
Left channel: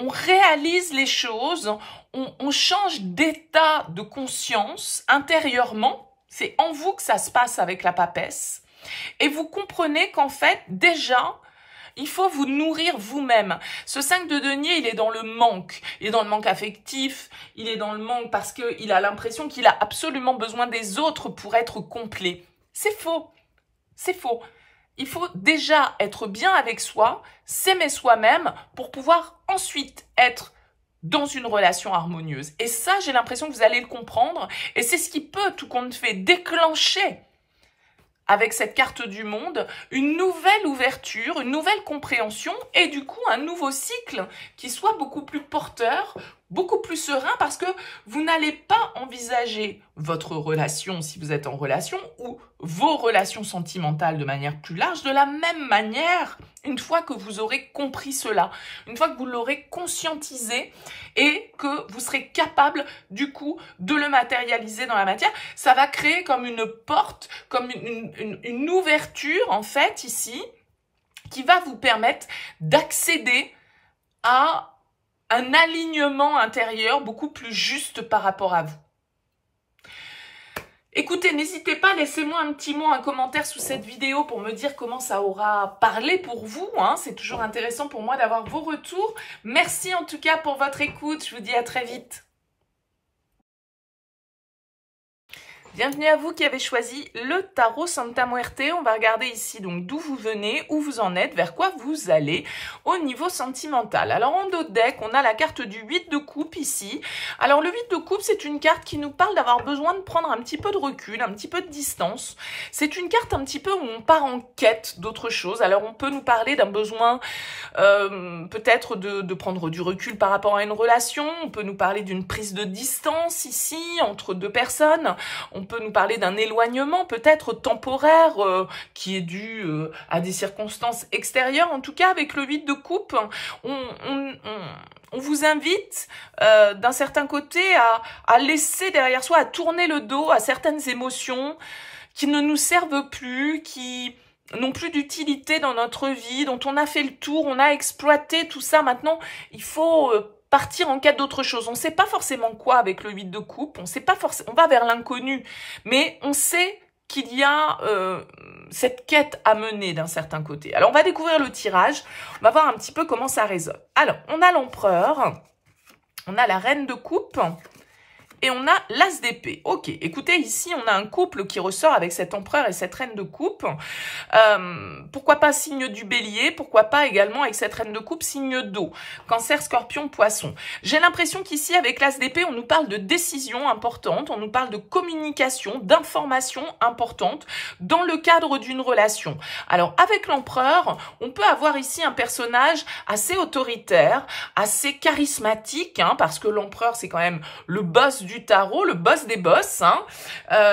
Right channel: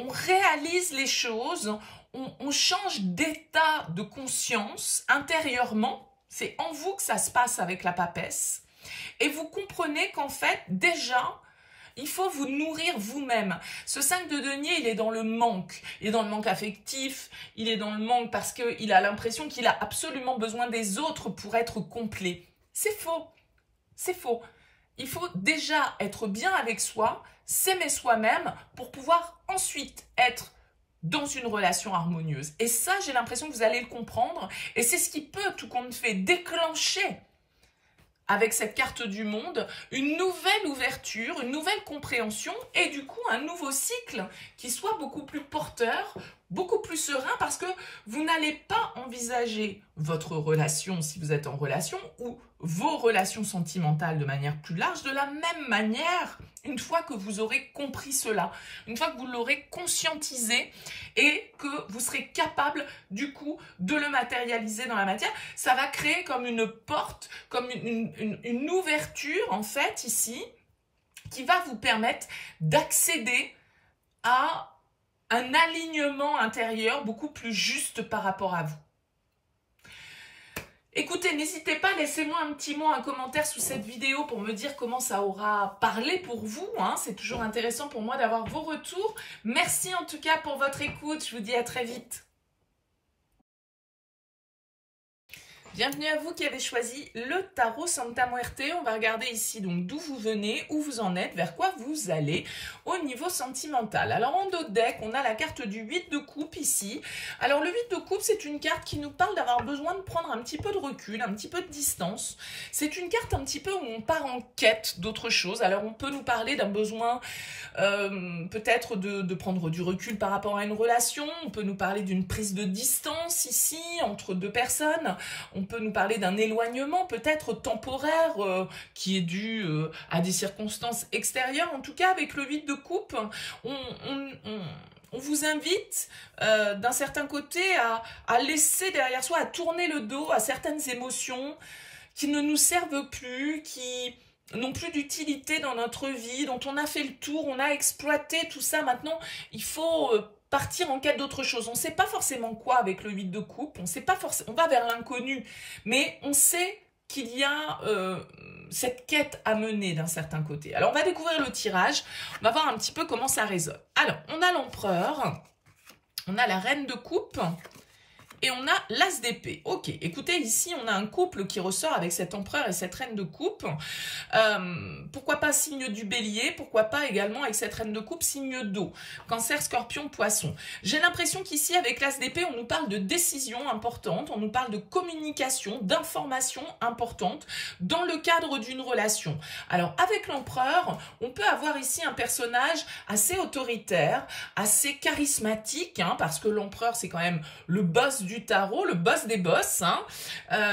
On réalise les choses, on change d'état de conscience intérieurement. C'est en vous que ça se passe avec la papesse. Et vous comprenez qu'en fait, déjà, il faut vous nourrir vous-même. Ce 5 de denier, il est dans le manque. Il est dans le manque affectif, il est dans le manque parce qu'il a l'impression qu'il a absolument besoin des autres pour être complet. C'est faux. C'est faux. Il faut déjà être bien avec soi, s'aimer soi-même pour pouvoir ensuite être dans une relation harmonieuse. Et ça, j'ai l'impression que vous allez le comprendre. Et c'est ce qui peut, tout compte fait, déclencher avec cette carte du monde, une nouvelle ouverture, une nouvelle compréhension et du coup un nouveau cycle qui soit beaucoup plus porteur, beaucoup plus serein parce que vous n'allez pas envisager votre relation si vous êtes en relation ou vos relations sentimentales de manière plus large de la même manière une fois que vous aurez compris cela, une fois que vous l'aurez conscientisé et que vous serez capable du coup de le matérialiser dans la matière. Ça va créer comme une porte, comme une ouverture en fait ici qui va vous permettre d'accéder à un alignement intérieur beaucoup plus juste par rapport à vous. Écoutez, n'hésitez pas, laissez-moi un petit mot, un commentaire sous cette vidéo pour me dire comment ça aura parlé pour vous. C'est toujours intéressant pour moi d'avoir vos retours. Merci en tout cas pour votre écoute. Je vous dis à très vite. Bienvenue à vous qui avez choisi le tarot Santa Muerte. On va regarder ici donc d'où vous venez, où vous en êtes, vers quoi vous allez au niveau sentimental. Alors en dos de deck, on a la carte du 8 de coupe ici. Alors le 8 de coupe, c'est une carte qui nous parle d'avoir besoin de prendre un petit peu de recul, un petit peu de distance. C'est une carte un petit peu où on part en quête d'autre chose. Alors on peut nous parler d'un besoin peut-être de prendre du recul par rapport à une relation. On peut nous parler d'une prise de distance ici entre deux personnes. On peut nous parler d'un éloignement peut-être temporaire qui est dû à des circonstances extérieures. En tout cas, avec le 8 de coupe, on vous invite d'un certain côté à laisser derrière soi, à tourner le dos à certaines émotions qui ne nous servent plus, qui n'ont plus d'utilité dans notre vie, dont on a fait le tour, on a exploité tout ça. Maintenant, il faut partir en quête d'autre chose. On ne sait pas forcément quoi avec le 8 de coupe, on va vers l'inconnu, mais on sait qu'il y a cette quête à mener d'un certain côté. Alors, on va découvrir le tirage, on va voir un petit peu comment ça résonne. Alors, on a l'empereur, on a la reine de coupe et on a l'as d'épée. Ok, écoutez, ici, on a un couple qui ressort avec cet empereur et cette reine de coupe. Pourquoi pas signe du bélier? Pourquoi pas également avec cette reine de coupe, signe d'eau? Cancer, scorpion, poisson. J'ai l'impression qu'ici, avec l'as d'épée, on nous parle de décisions importantes, on nous parle de communication, d'informations importantes dans le cadre d'une relation. Alors, avec l'empereur, on peut avoir ici un personnage assez autoritaire, assez charismatique, hein, parce que l'empereur, c'est quand même le boss du tarot, le boss des boss. Hein.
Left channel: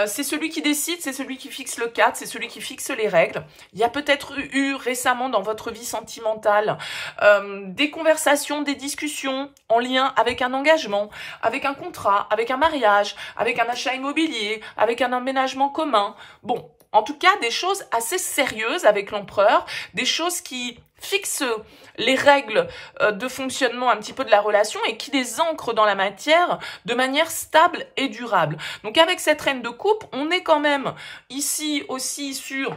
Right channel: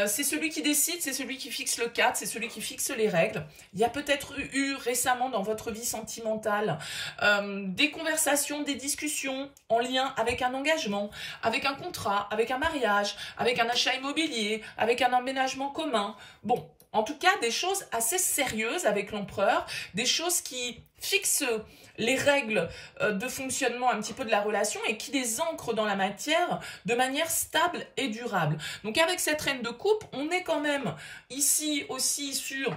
C'est celui qui décide, c'est celui qui fixe le cadre, c'est celui qui fixe les règles. Il y a peut-être eu récemment dans votre vie sentimentale des conversations, des discussions en lien avec un engagement, avec un contrat, avec un mariage, avec un achat immobilier, avec un emménagement commun. Bon, en tout cas, des choses assez sérieuses avec l'empereur, des choses qui fixent les règles de fonctionnement un petit peu de la relation et qui les ancrent dans la matière de manière stable et durable. Donc avec cette reine de coupe, on est quand même ici aussi sur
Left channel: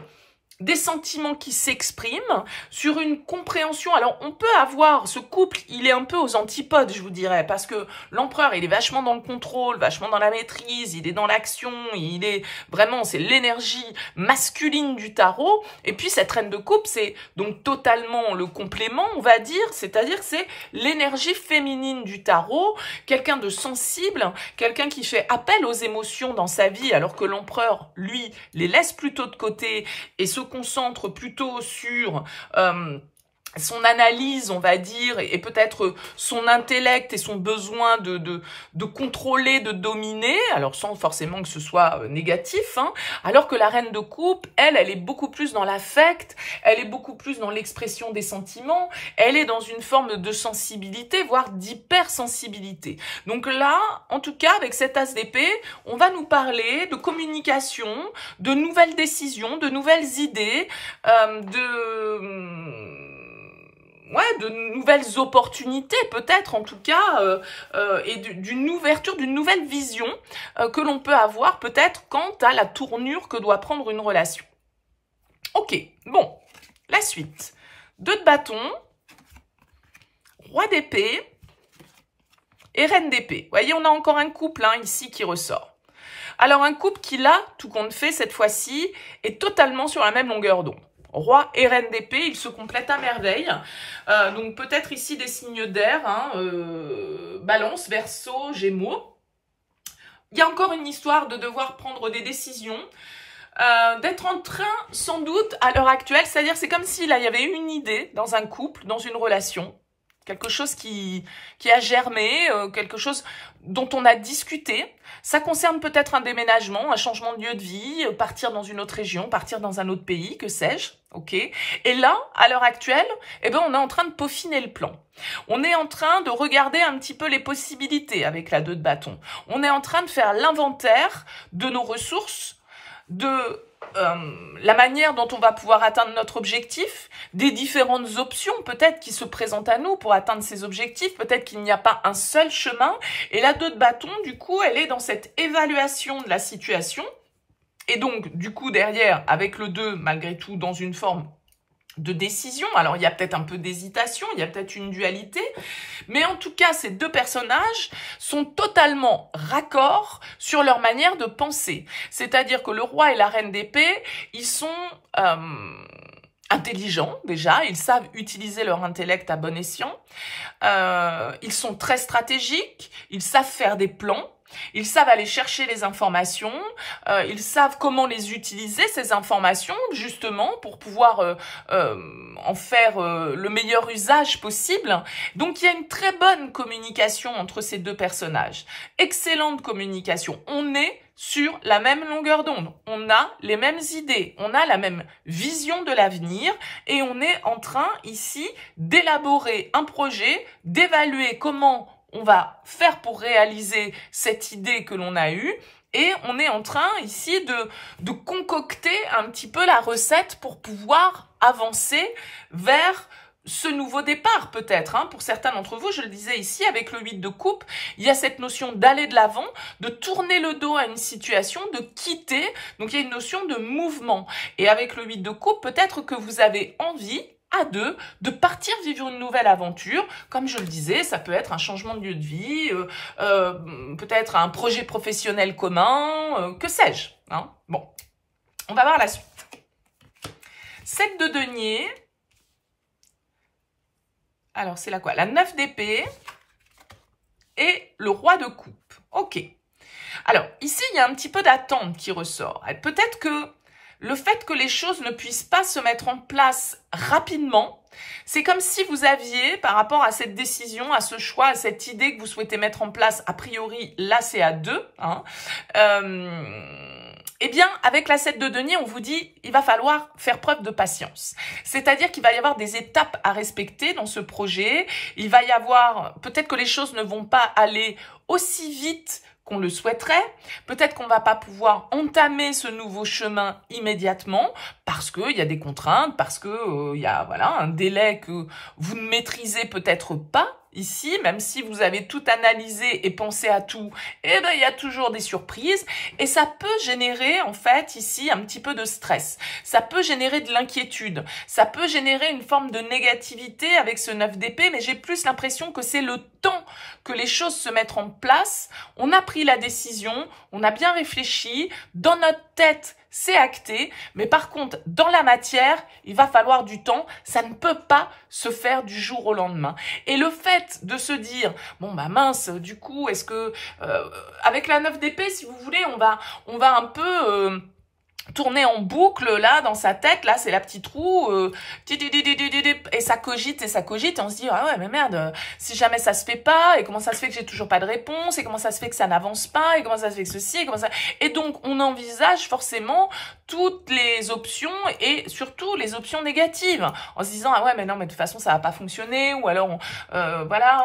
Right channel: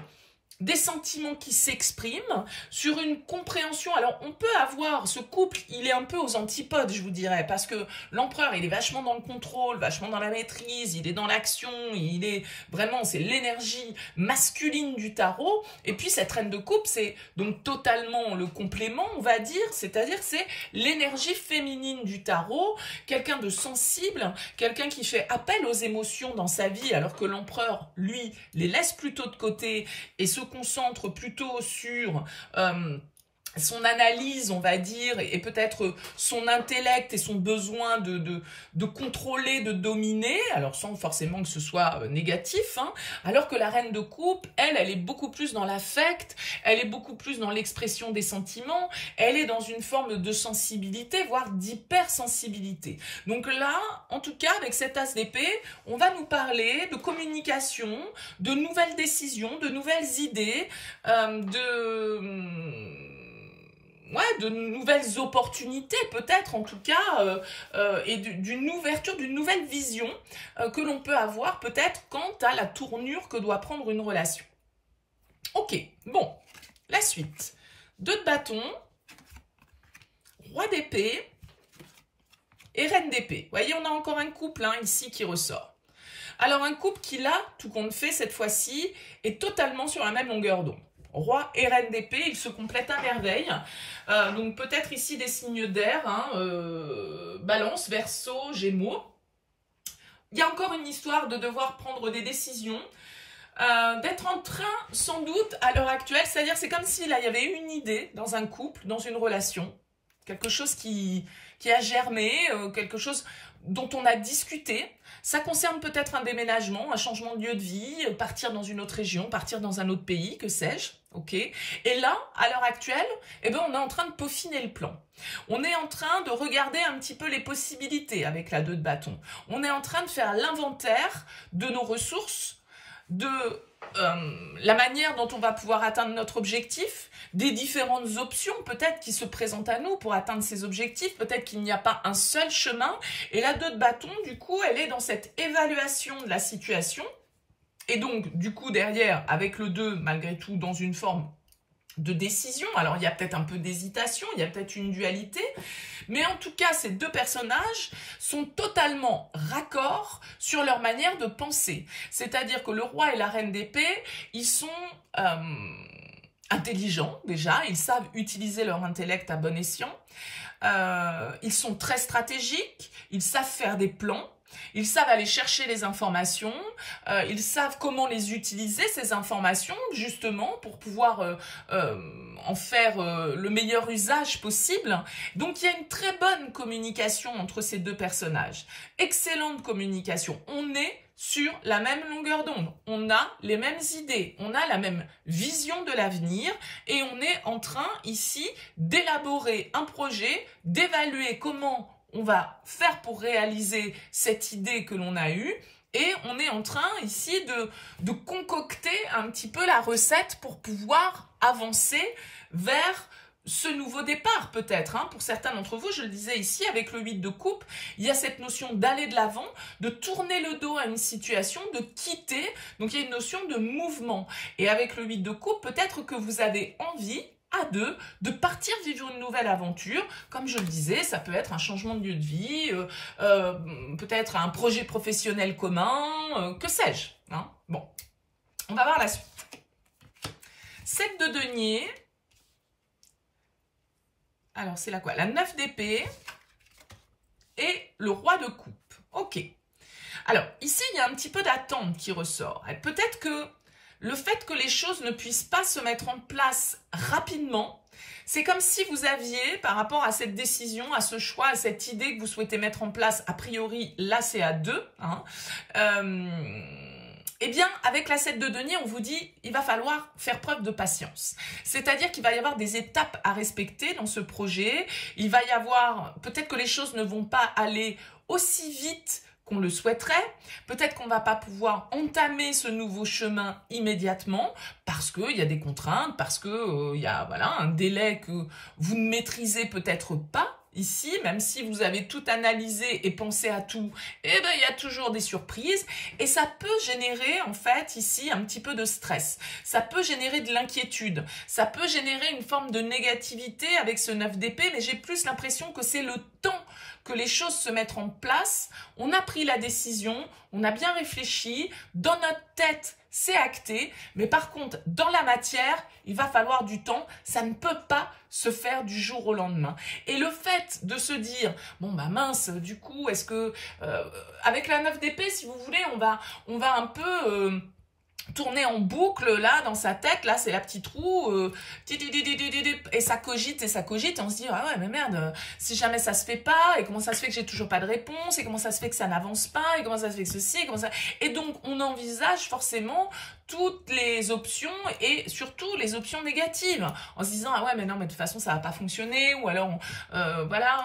des sentiments qui s'expriment, sur une compréhension. Alors, on peut avoir, ce couple, il est un peu aux antipodes, je vous dirais, parce que l'empereur, il est vachement dans le contrôle, vachement dans la maîtrise, il est dans l'action, il est vraiment, c'est l'énergie masculine du tarot, et puis cette reine de coupe, c'est donc totalement le complément, on va dire, c'est-à-dire que c'est l'énergie féminine du tarot, quelqu'un de sensible, quelqu'un qui fait appel aux émotions dans sa vie, alors que l'empereur, lui, les laisse plutôt de côté et se concentre plutôt sur son analyse, on va dire, et peut-être son intellect et son besoin de contrôler, de dominer, alors sans forcément que ce soit négatif, hein, alors que la reine de coupe, elle est beaucoup plus dans l'affect, elle est beaucoup plus dans l'expression des sentiments, elle est dans une forme de sensibilité, voire d'hypersensibilité. Donc là, en tout cas, avec cet as d'épée, on va nous parler de communication, de nouvelles décisions, de nouvelles idées, de nouvelles opportunités peut-être en tout cas et d'une ouverture, d'une nouvelle vision que l'on peut avoir peut-être quant à la tournure que doit prendre une relation. Ok, bon, la suite. 2 de bâton, roi d'épée et reine d'épée. Vous voyez, on a encore un couple hein, ici qui ressort. Alors un couple qui là, tout compte fait cette fois-ci, est totalement sur la même longueur d'onde. Roi et reine d'épée, ils se complètent à merveille. Donc peut-être ici des signes d'air, hein, Balance, Verseau, Gémeaux. Il y a encore une histoire de devoir prendre des décisions, d'être en train, sans doute, à l'heure actuelle, c'est-à-dire c'est comme si là, il y avait une idée dans un couple, dans une relation, quelque chose qui a germé, quelque chose dont on a discuté. Ça concerne peut-être un déménagement, un changement de lieu de vie, partir dans une autre région, partir dans un autre pays, que sais-je, ok. Et là, à l'heure actuelle, eh ben, on est en train de peaufiner le plan. On est en train de regarder un petit peu les possibilités avec la 2 de bâton. On est en train de faire l'inventaire de nos ressources, de la manière dont on va pouvoir atteindre notre objectif, des différentes options peut-être qui se présentent à nous pour atteindre ces objectifs, peut-être qu'il n'y a pas un seul chemin, et la 2 de bâton, du coup, elle est dans cette évaluation de la situation, et donc, du coup, derrière, avec le 2, malgré tout, dans une forme de décision. Alors, il y a peut-être un peu d'hésitation, il y a peut-être une dualité, mais en tout cas, ces 2 personnages sont totalement raccords sur leur manière de penser. C'est-à-dire que le roi et la reine d'épée, ils sont intelligents déjà, ils savent utiliser leur intellect à bon escient, ils sont très stratégiques, ils savent faire des plans, ils savent aller chercher les informations, ils savent comment les utiliser, ces informations, justement, pour pouvoir en faire le meilleur usage possible. Donc, il y a une très bonne communication entre ces 2 personnages. Excellente communication. On est sur la même longueur d'onde. On a les mêmes idées, on a la même vision de l'avenir et on est en train, ici, d'élaborer un projet, d'évaluer comment on va faire pour réaliser cette idée que l'on a eue et on est en train ici de concocter un petit peu la recette pour pouvoir avancer vers ce nouveau départ peut-être. Hein. Pour certains d'entre vous, je le disais ici, avec le 8 de coupe, il y a cette notion d'aller de l'avant, de tourner le dos à une situation, de quitter. Donc il y a une notion de mouvement. Et avec le 8 de coupe, peut-être que vous avez envie à deux, de partir vivre une nouvelle aventure. Comme je le disais, ça peut être un changement de lieu de vie, peut-être un projet professionnel commun, que sais-je. Hein. Bon, on va voir la suite. 7 de denier. Alors, c'est la quoi? La 9 d'épée et le roi de coupe. Ok. Alors, ici, il y a un petit peu d'attente qui ressort. Peut-être que le fait que les choses ne puissent pas se mettre en place rapidement, c'est comme si vous aviez, par rapport à cette décision, à ce choix, à cette idée que vous souhaitez mettre en place, a priori, là, c'est à 2, hein, eh bien, avec la 7 de denier, on vous dit, il va falloir faire preuve de patience. C'est-à-dire qu'il va y avoir des étapes à respecter dans ce projet. Il va y avoir, peut-être que les choses ne vont pas aller aussi vite qu'on le souhaiterait. Peut-être qu'on ne va pas pouvoir entamer ce nouveau chemin immédiatement parce qu'il y a des contraintes, parce qu'il y a voilà, un délai que vous ne maîtrisez peut-être pas. Ici, même si vous avez tout analysé et pensé à tout, eh ben, il y a toujours des surprises et ça peut générer en fait ici un petit peu de stress. Ça peut générer de l'inquiétude. Ça peut générer une forme de négativité avec ce 9 d'épée, mais j'ai plus l'impression que c'est le temps que les choses se mettent en place. On a pris la décision, on a bien réfléchi, dans notre tête, c'est acté, mais par contre, dans la matière, il va falloir du temps, ça ne peut pas se faire du jour au lendemain. Et le fait de se dire, bon bah mince, du coup, est-ce que, avec la 9 d'épée, si vous voulez, on va un peu tourner en boucle là dans sa tête, là c'est la petite roue et ça cogite et on se dit ah ouais mais merde, si jamais ça se fait pas, et comment ça se fait que j'ai toujours pas de réponse, et comment ça se fait que ça n'avance pas, et comment ça se fait que ceci, et comment ça... Et donc on envisage forcément toutes les options et surtout les options négatives en se disant ah ouais mais non mais de toute façon ça va pas fonctionner, ou alors voilà,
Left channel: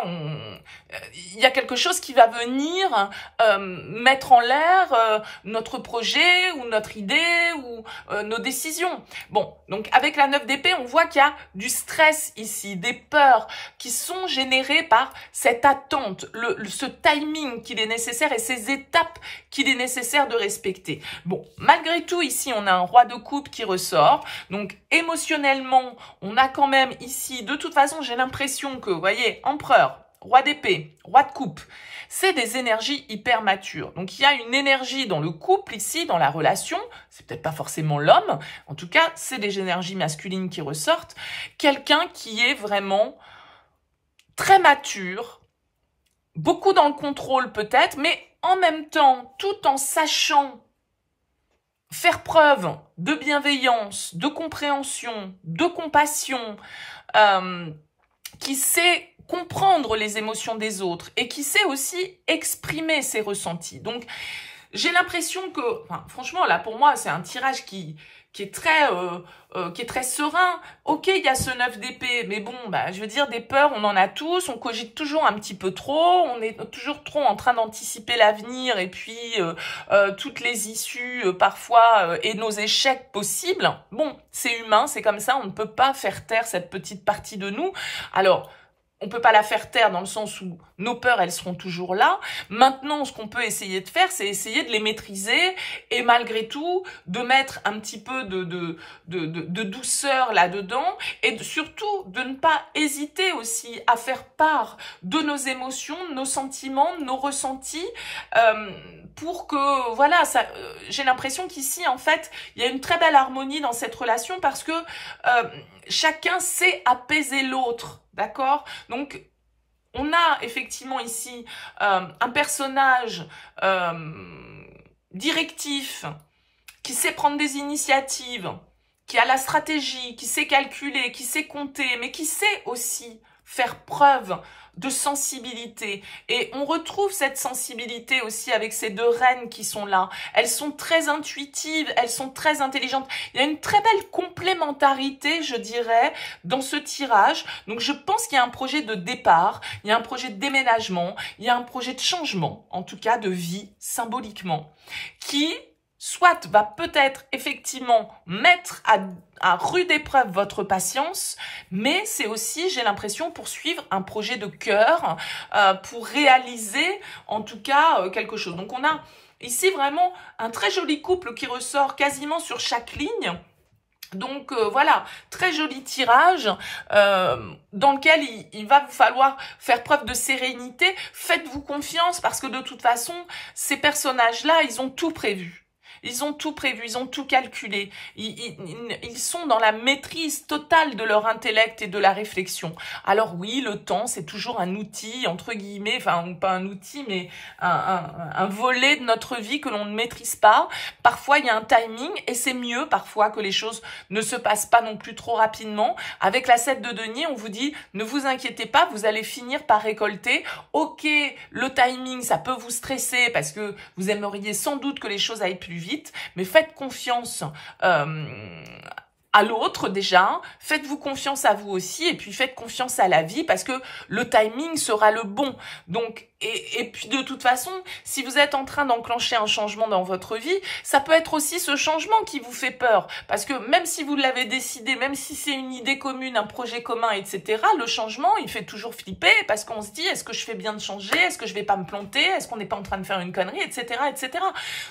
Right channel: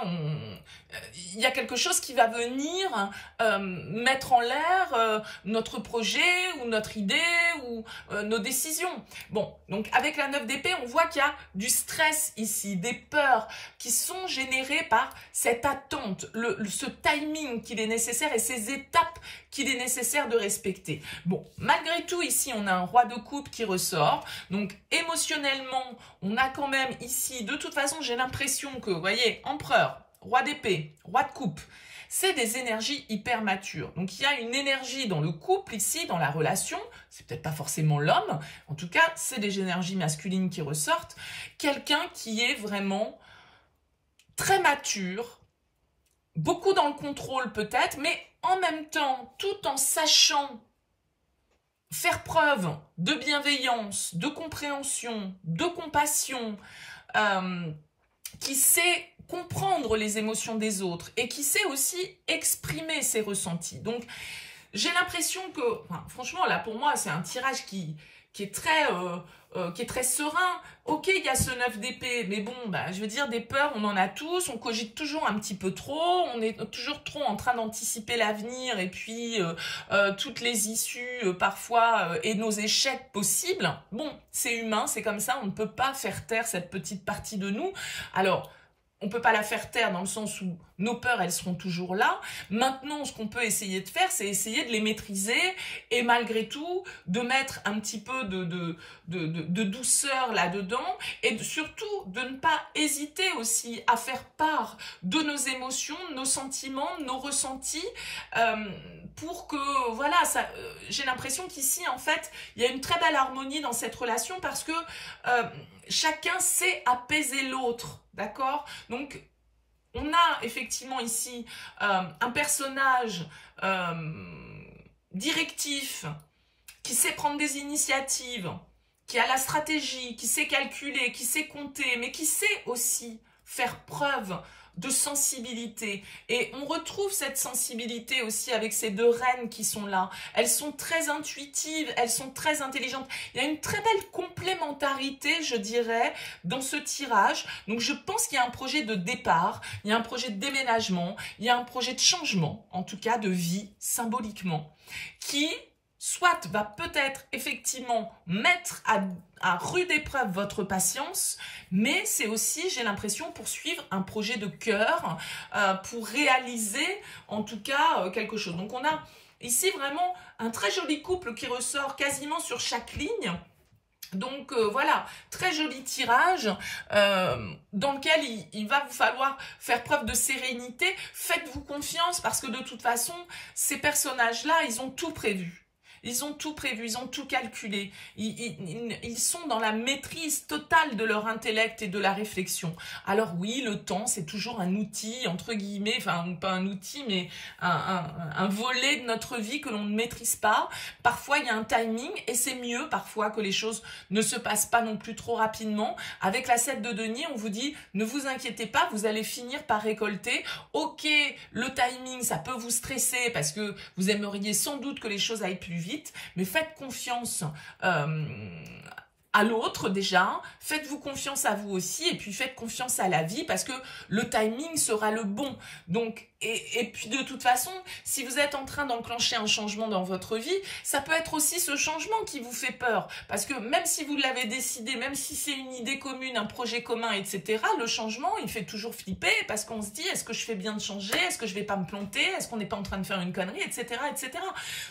il y a quelque chose qui va venir mettre en l'air notre projet ou notre idée ou nos décisions. Bon, donc avec la 9 d'épée, on voit qu'il y a du stress ici, des peurs qui sont générées par cette attente, ce timing qu'il est nécessaire et ces étapes qu'il est nécessaire de respecter. Bon, malgré tout, ici, on a un roi de coupe qui ressort. Donc, émotionnellement, on a quand même ici, de toute façon, j'ai l'impression que, vous voyez, empereur, roi d'épée, roi de coupe, c'est des énergies hyper matures. Donc, il y a une énergie dans le couple ici, dans la relation. C'est peut-être pas forcément l'homme. En tout cas, c'est des énergies masculines qui ressortent. Quelqu'un qui est vraiment très mature, beaucoup dans le contrôle peut-être, mais en même temps, tout en sachant faire preuve de bienveillance, de compréhension, de compassion, qui sait comprendre les émotions des autres et qui sait aussi exprimer ses ressentis. Donc, j'ai l'impression que, enfin, franchement, là, pour moi, c'est un tirage qui est très serein. Ok, il y a ce 9 d'épée, mais bon, bah, je veux dire, des peurs, on en a tous, on cogite toujours un petit peu trop, on est toujours trop en train d'anticiper l'avenir et puis toutes les issues parfois et nos échecs possibles. Bon, c'est humain, c'est comme ça, on ne peut pas faire taire cette petite partie de nous. Alors, on ne peut pas la faire taire dans le sens où nos peurs, elles seront toujours là. Maintenant, ce qu'on peut essayer de faire, c'est essayer de les maîtriser et malgré tout, de mettre un petit peu de douceur là-dedans et surtout de ne pas hésiter aussi à faire part de nos émotions, de nos sentiments, de nos ressentis pour que, voilà, j'ai l'impression qu'ici, en fait, il y a une très belle harmonie dans cette relation parce que chacun sait apaiser l'autre. D'accord? Donc, on a effectivement ici un personnage directif qui sait prendre des initiatives, qui a la stratégie, qui sait calculer, qui sait compter, mais qui sait aussi faire preuve de sensibilité. Et on retrouve cette sensibilité aussi avec ces deux reines qui sont là. Elles sont très intuitives, elles sont très intelligentes. Il y a une très belle complémentarité, je dirais, dans ce tirage. Donc je pense qu'il y a un projet de départ, il y a un projet de déménagement, il y a un projet de changement, en tout cas de vie, symboliquement, qui soit va peut-être effectivement mettre à rude épreuve votre patience, mais c'est aussi, j'ai l'impression, poursuivre un projet de cœur pour réaliser en tout cas quelque chose. Donc on a ici vraiment un très joli couple qui ressort quasiment sur chaque ligne. Donc voilà, très joli tirage dans lequel il va vous falloir faire preuve de sérénité. Faites-vous confiance parce que de toute façon, ces personnages-là, ils ont tout prévu. Ils ont tout prévu, ils ont tout calculé. Ils sont dans la maîtrise totale de leur intellect et de la réflexion. Alors oui, le temps, c'est toujours un outil, entre guillemets, enfin pas un outil, mais un volet de notre vie que l'on ne maîtrise pas. Parfois, il y a un timing et c'est mieux parfois que les choses ne se passent pas non plus trop rapidement. Avec la 7 de denier, on vous dit, ne vous inquiétez pas, vous allez finir par récolter. Ok, le timing, ça peut vous stresser parce que vous aimeriez sans doute que les choses aillent plus vite. Mais faites confiance à l'autre déjà, faites-vous confiance à vous aussi et puis faites confiance à la vie parce que le timing sera le bon. Donc, et puis de toute façon, si vous êtes en train d'enclencher un changement dans votre vie, ça peut être aussi ce changement qui vous fait peur. Parce que même si vous l'avez décidé, même si c'est une idée commune, un projet commun, etc., le changement, il fait toujours flipper parce qu'on se dit, est-ce que je fais bien de changer? Est-ce que je vais pas me planter? Est-ce qu'on n'est pas en train de faire une connerie? Etc., etc.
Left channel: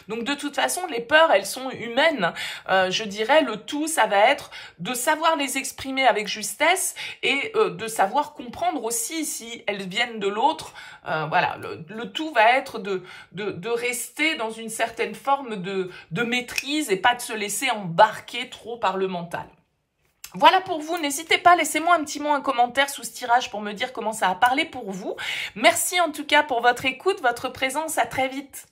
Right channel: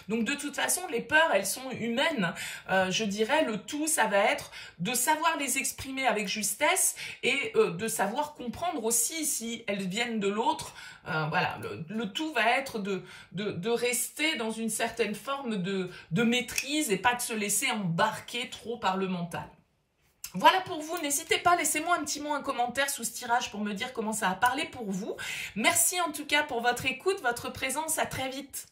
Donc de toute façon, les peurs, elles sont humaines. Je dirais, le tout, ça va être de savoir les exprimer avec justesse et de savoir comprendre aussi si elles viennent de l'autre. Voilà, le tout va être de rester dans une certaine forme de maîtrise et pas de se laisser embarquer trop par le mental. Voilà pour vous, n'hésitez pas, laissez-moi un petit mot, un commentaire sous ce tirage pour me dire comment ça a parlé pour vous. Merci en tout cas pour votre écoute, votre présence, à très vite.